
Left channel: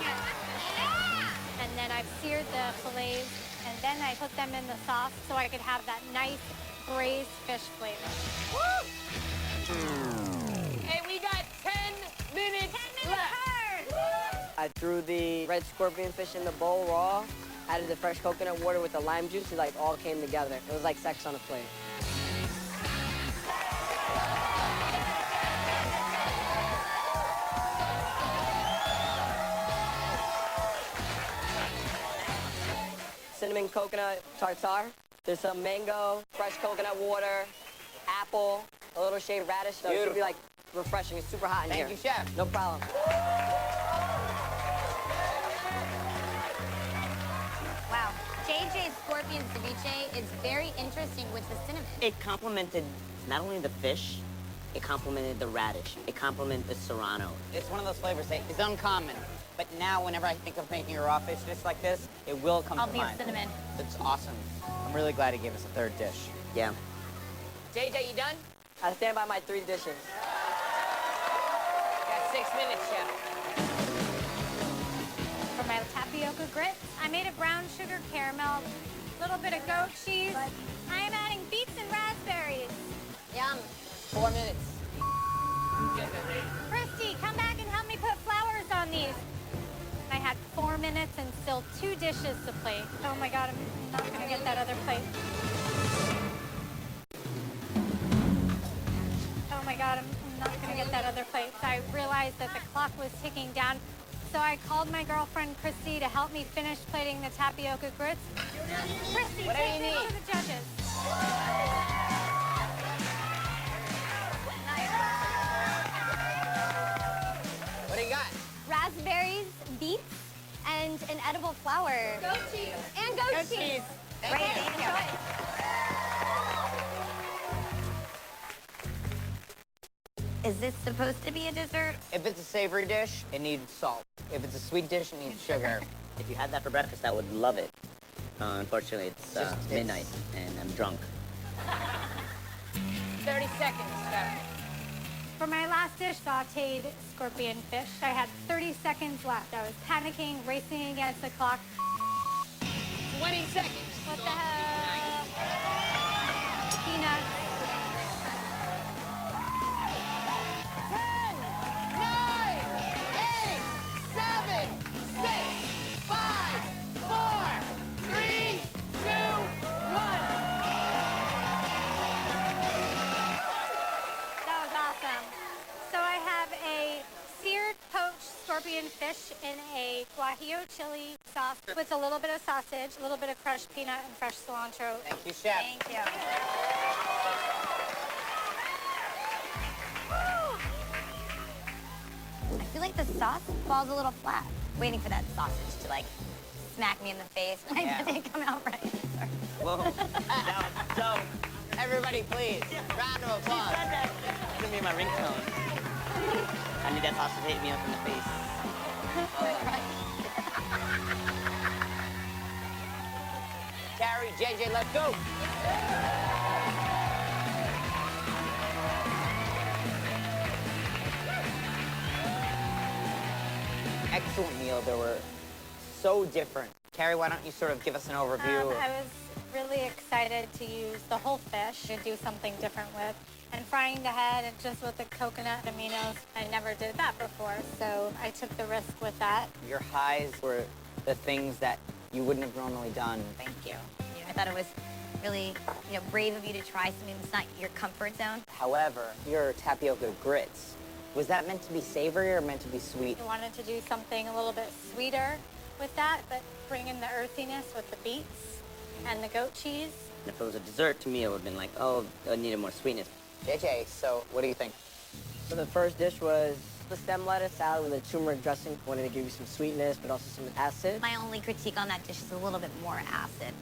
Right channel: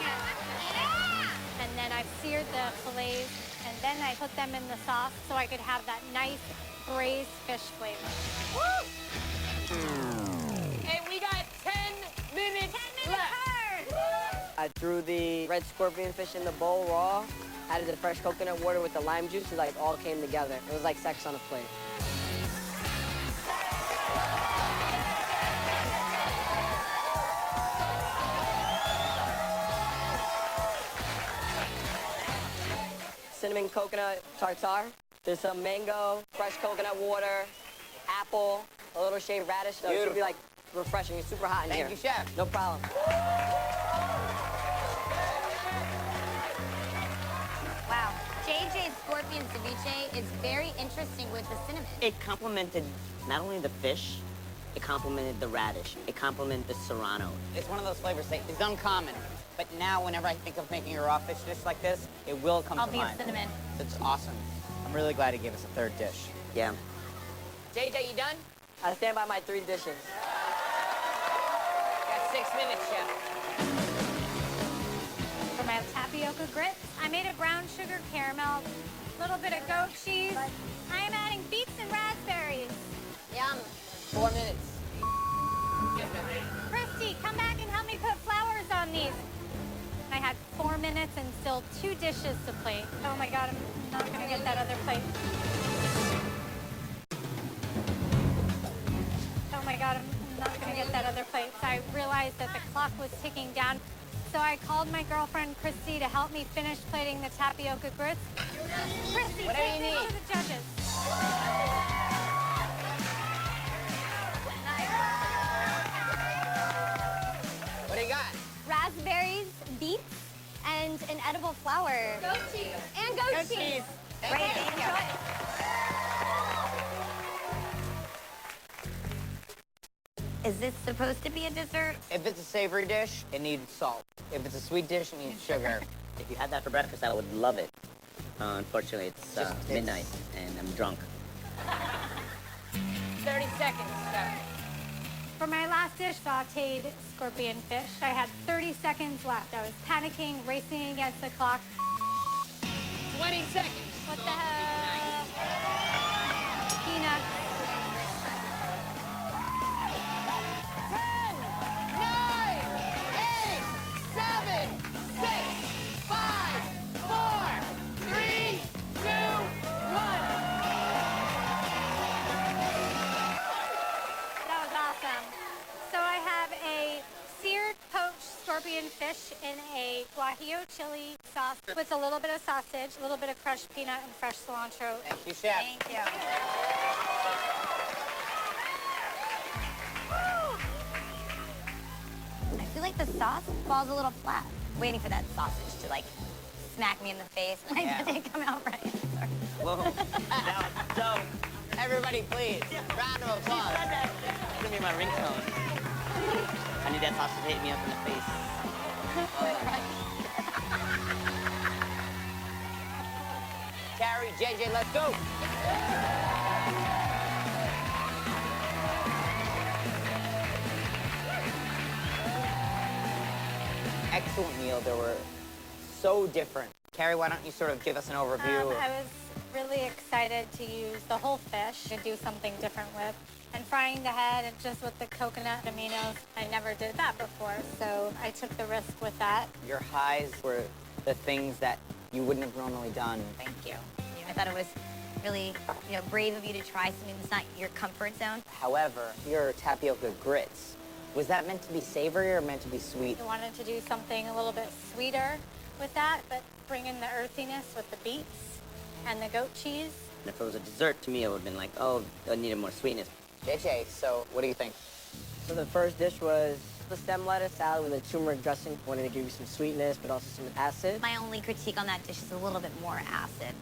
And then I've seared the fillets and then I put them in the sauce so I could have that nice braised fish flavor. And we got 10 minutes left. I threw the red scorpion fish in the bowl raw, added the fresh coconut water with the lime juice, it like all came together. It was like sex on a plate. Cinnamon coconut tartare. There's some mango, fresh coconut water, apple, a little shaved radish. So it should be like refreshing. It's super hot in here. Thank you, Chef. No problem. Wow. JJ's scorpion ceviche is very interesting with the cinnamon. It complemented not only the fish, it complemented the radish. It complemented the serrano. It's one of those flavors that is uncommon. But now, whenever I think of making a raw fish dish like this, it will come to Albeit mind. cinnamon. It's awesome. I'm really glad he gave us a third dish. Yeah. JJ, you done? I stand by my 3 dishes. That's 6 minutes, Chef. For my tapioca grits, I made a brown sugar caramel, little bit of goat cheese. I am adding beets and raspberries. Yum. 4 minutes. Christy, come back and help me put flowers on these. I had 4 minutes and still 2 dishes to plate. Oh my god, I'm not gonna get that other plate. Oh my god, I'm not gonna get that other plate. So I realized that the clock was ticking down. So I called my girlfriend Christy to help me finish plating the tapioca grits. Christy, What do you take me need? to the judges. What do you got? Raspberries, beets, and an edible flower. Goat cheese. And goat cheese. Is this supposed to be a dessert? If it's a savory dish, it needs salt. If it's a sweet dish, it needs sugar. If you have that for breakfast, I would love it. Unfortunately, it's midnight and I'm drunk. 30 seconds. For my last dish, sauteed scorpion fish, I had 30 seconds left. I was panicking, racing against the clock. 20 seconds. What the hell? Peanuts. 10, 9, 8, 7, 6, 5, 4, 3, 2, 1. That was awesome. So I have a seared poached scorpion fish in a guajillo chili sauce with a little bit of sausage, a little bit of crushed peanut, and fresh cilantro. Thank you, Chef. Thank you. I feel like the sauce falls a little flat. Waiting for that sausage to like smack me in the face. Yeah. It didn't come out right. Whoa. So, everybody please, round of applause. Give me my ringtone. I need that sauce to hit me up in the face. Carrie, JJ, let's go. Excellent meals that were so different. Carrie, why don't you sort of give us an overview? I was really excited to use the whole fish to do something different with. And frying the head just with the coconut aminos, I never did that before, so I took the risk with that. Your highs were the things that You wouldn't have normally done. Thank you. I thought it was really, brave of you to try something that's not your comfort zone. However, your tapioca grits, was that meant to be savory or meant to be sweet? I wanted to do something a little bit sweeter with that, but bring in the earthiness with the beets and the goat cheese. If it was a dessert, to me, it would have been like, oh, it needed more sweetness. JJ, so what do you think? So the first dish was the stem lettuce salad with a turmeric dressing. Wanted to give you some sweetness, but also some acid. My only critique on that dish is a little bit more acid.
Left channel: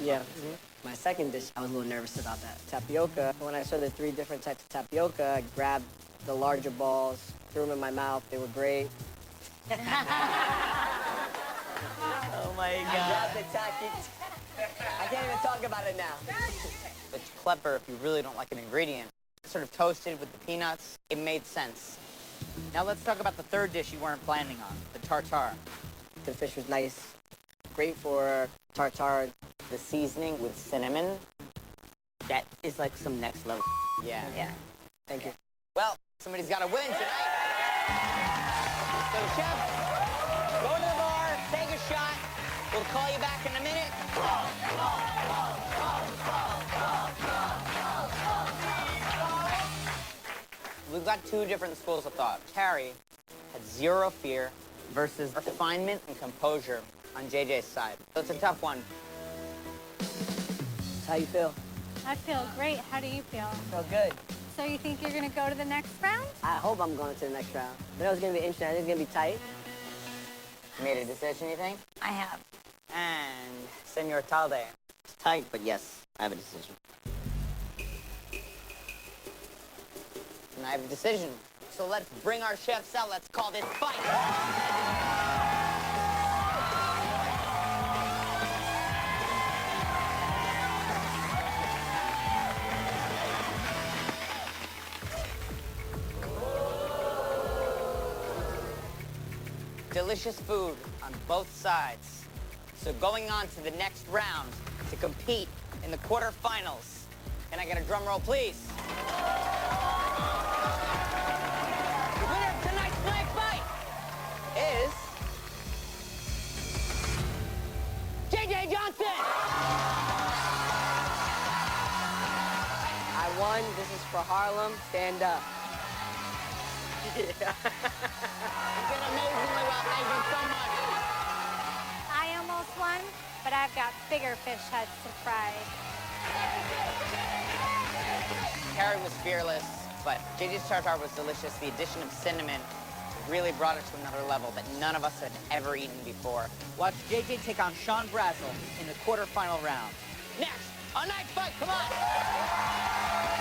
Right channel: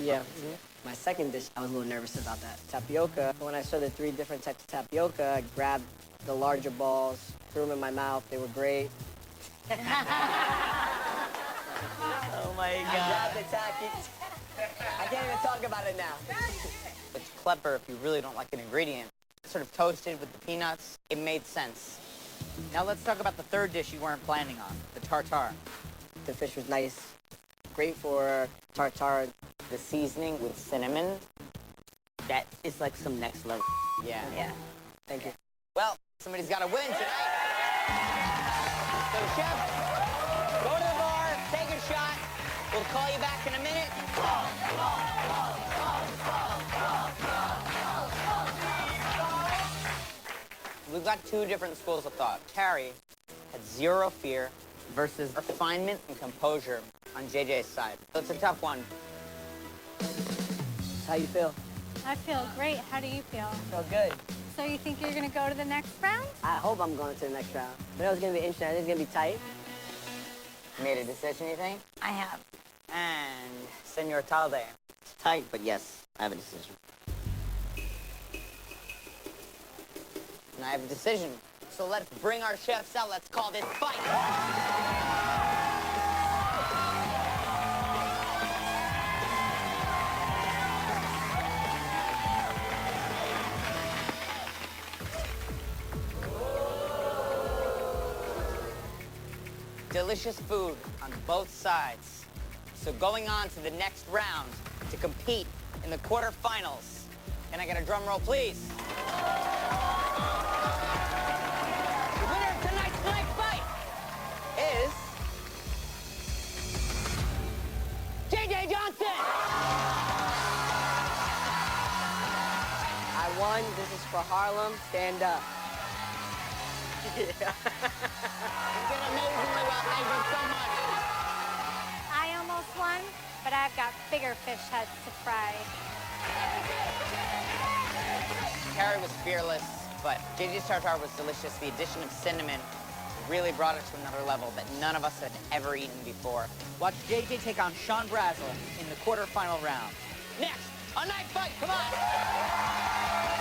Yeah. My second dish, I was a little nervous about that. Tapioca. When I saw the 3 different types of tapioca, I grabbed the larger balls, threw them in my mouth. They were great. Oh my Grabbed the tackies. I can't even talk about it now. It's clever if you really don't like an ingredient. Sort of toasted with the peanuts. It made sense. Now let's talk about the third dish you weren't planning on, the tartare. The fish was nice. Great for tartare. The seasoning with cinnamon. That is like some next level. Yeah. Thank you. Well, somebody's got to win tonight. So, chef, go to the bar, take a shot. We'll call you back in a minute. We've got 2 different schools of thought. Terry had zero fear versus refinement and composure on JJ's side. So it's a tough one. How you feel? I feel great. How do you feel? Feel good. So you think you're gonna go to the next round? I hope I'm going to the next round. I know it's going to be interesting. I think it's going to be tight. Made a decision, you think? I have. And Senor Talde. It's tight, but yes, I have a decision. And I have a decision. So let's bring our chefs out. Let's call this fight. Delicious food on both sides. So going on to the next round to compete in the quarterfinals. Can I get a drum roll, please? The winner of tonight's night fight is JJ Johnson. I won. This is for Harlem. Stand up. I almost won, but I've got bigger fish heads to fry. Karen was fearless, but JJ's tartare was delicious. The addition of cinnamon really brought it to another level that none of us had ever eaten before. Watch JJ take on Sean Brazel in the quarterfinal round. Next, a night fight, come on!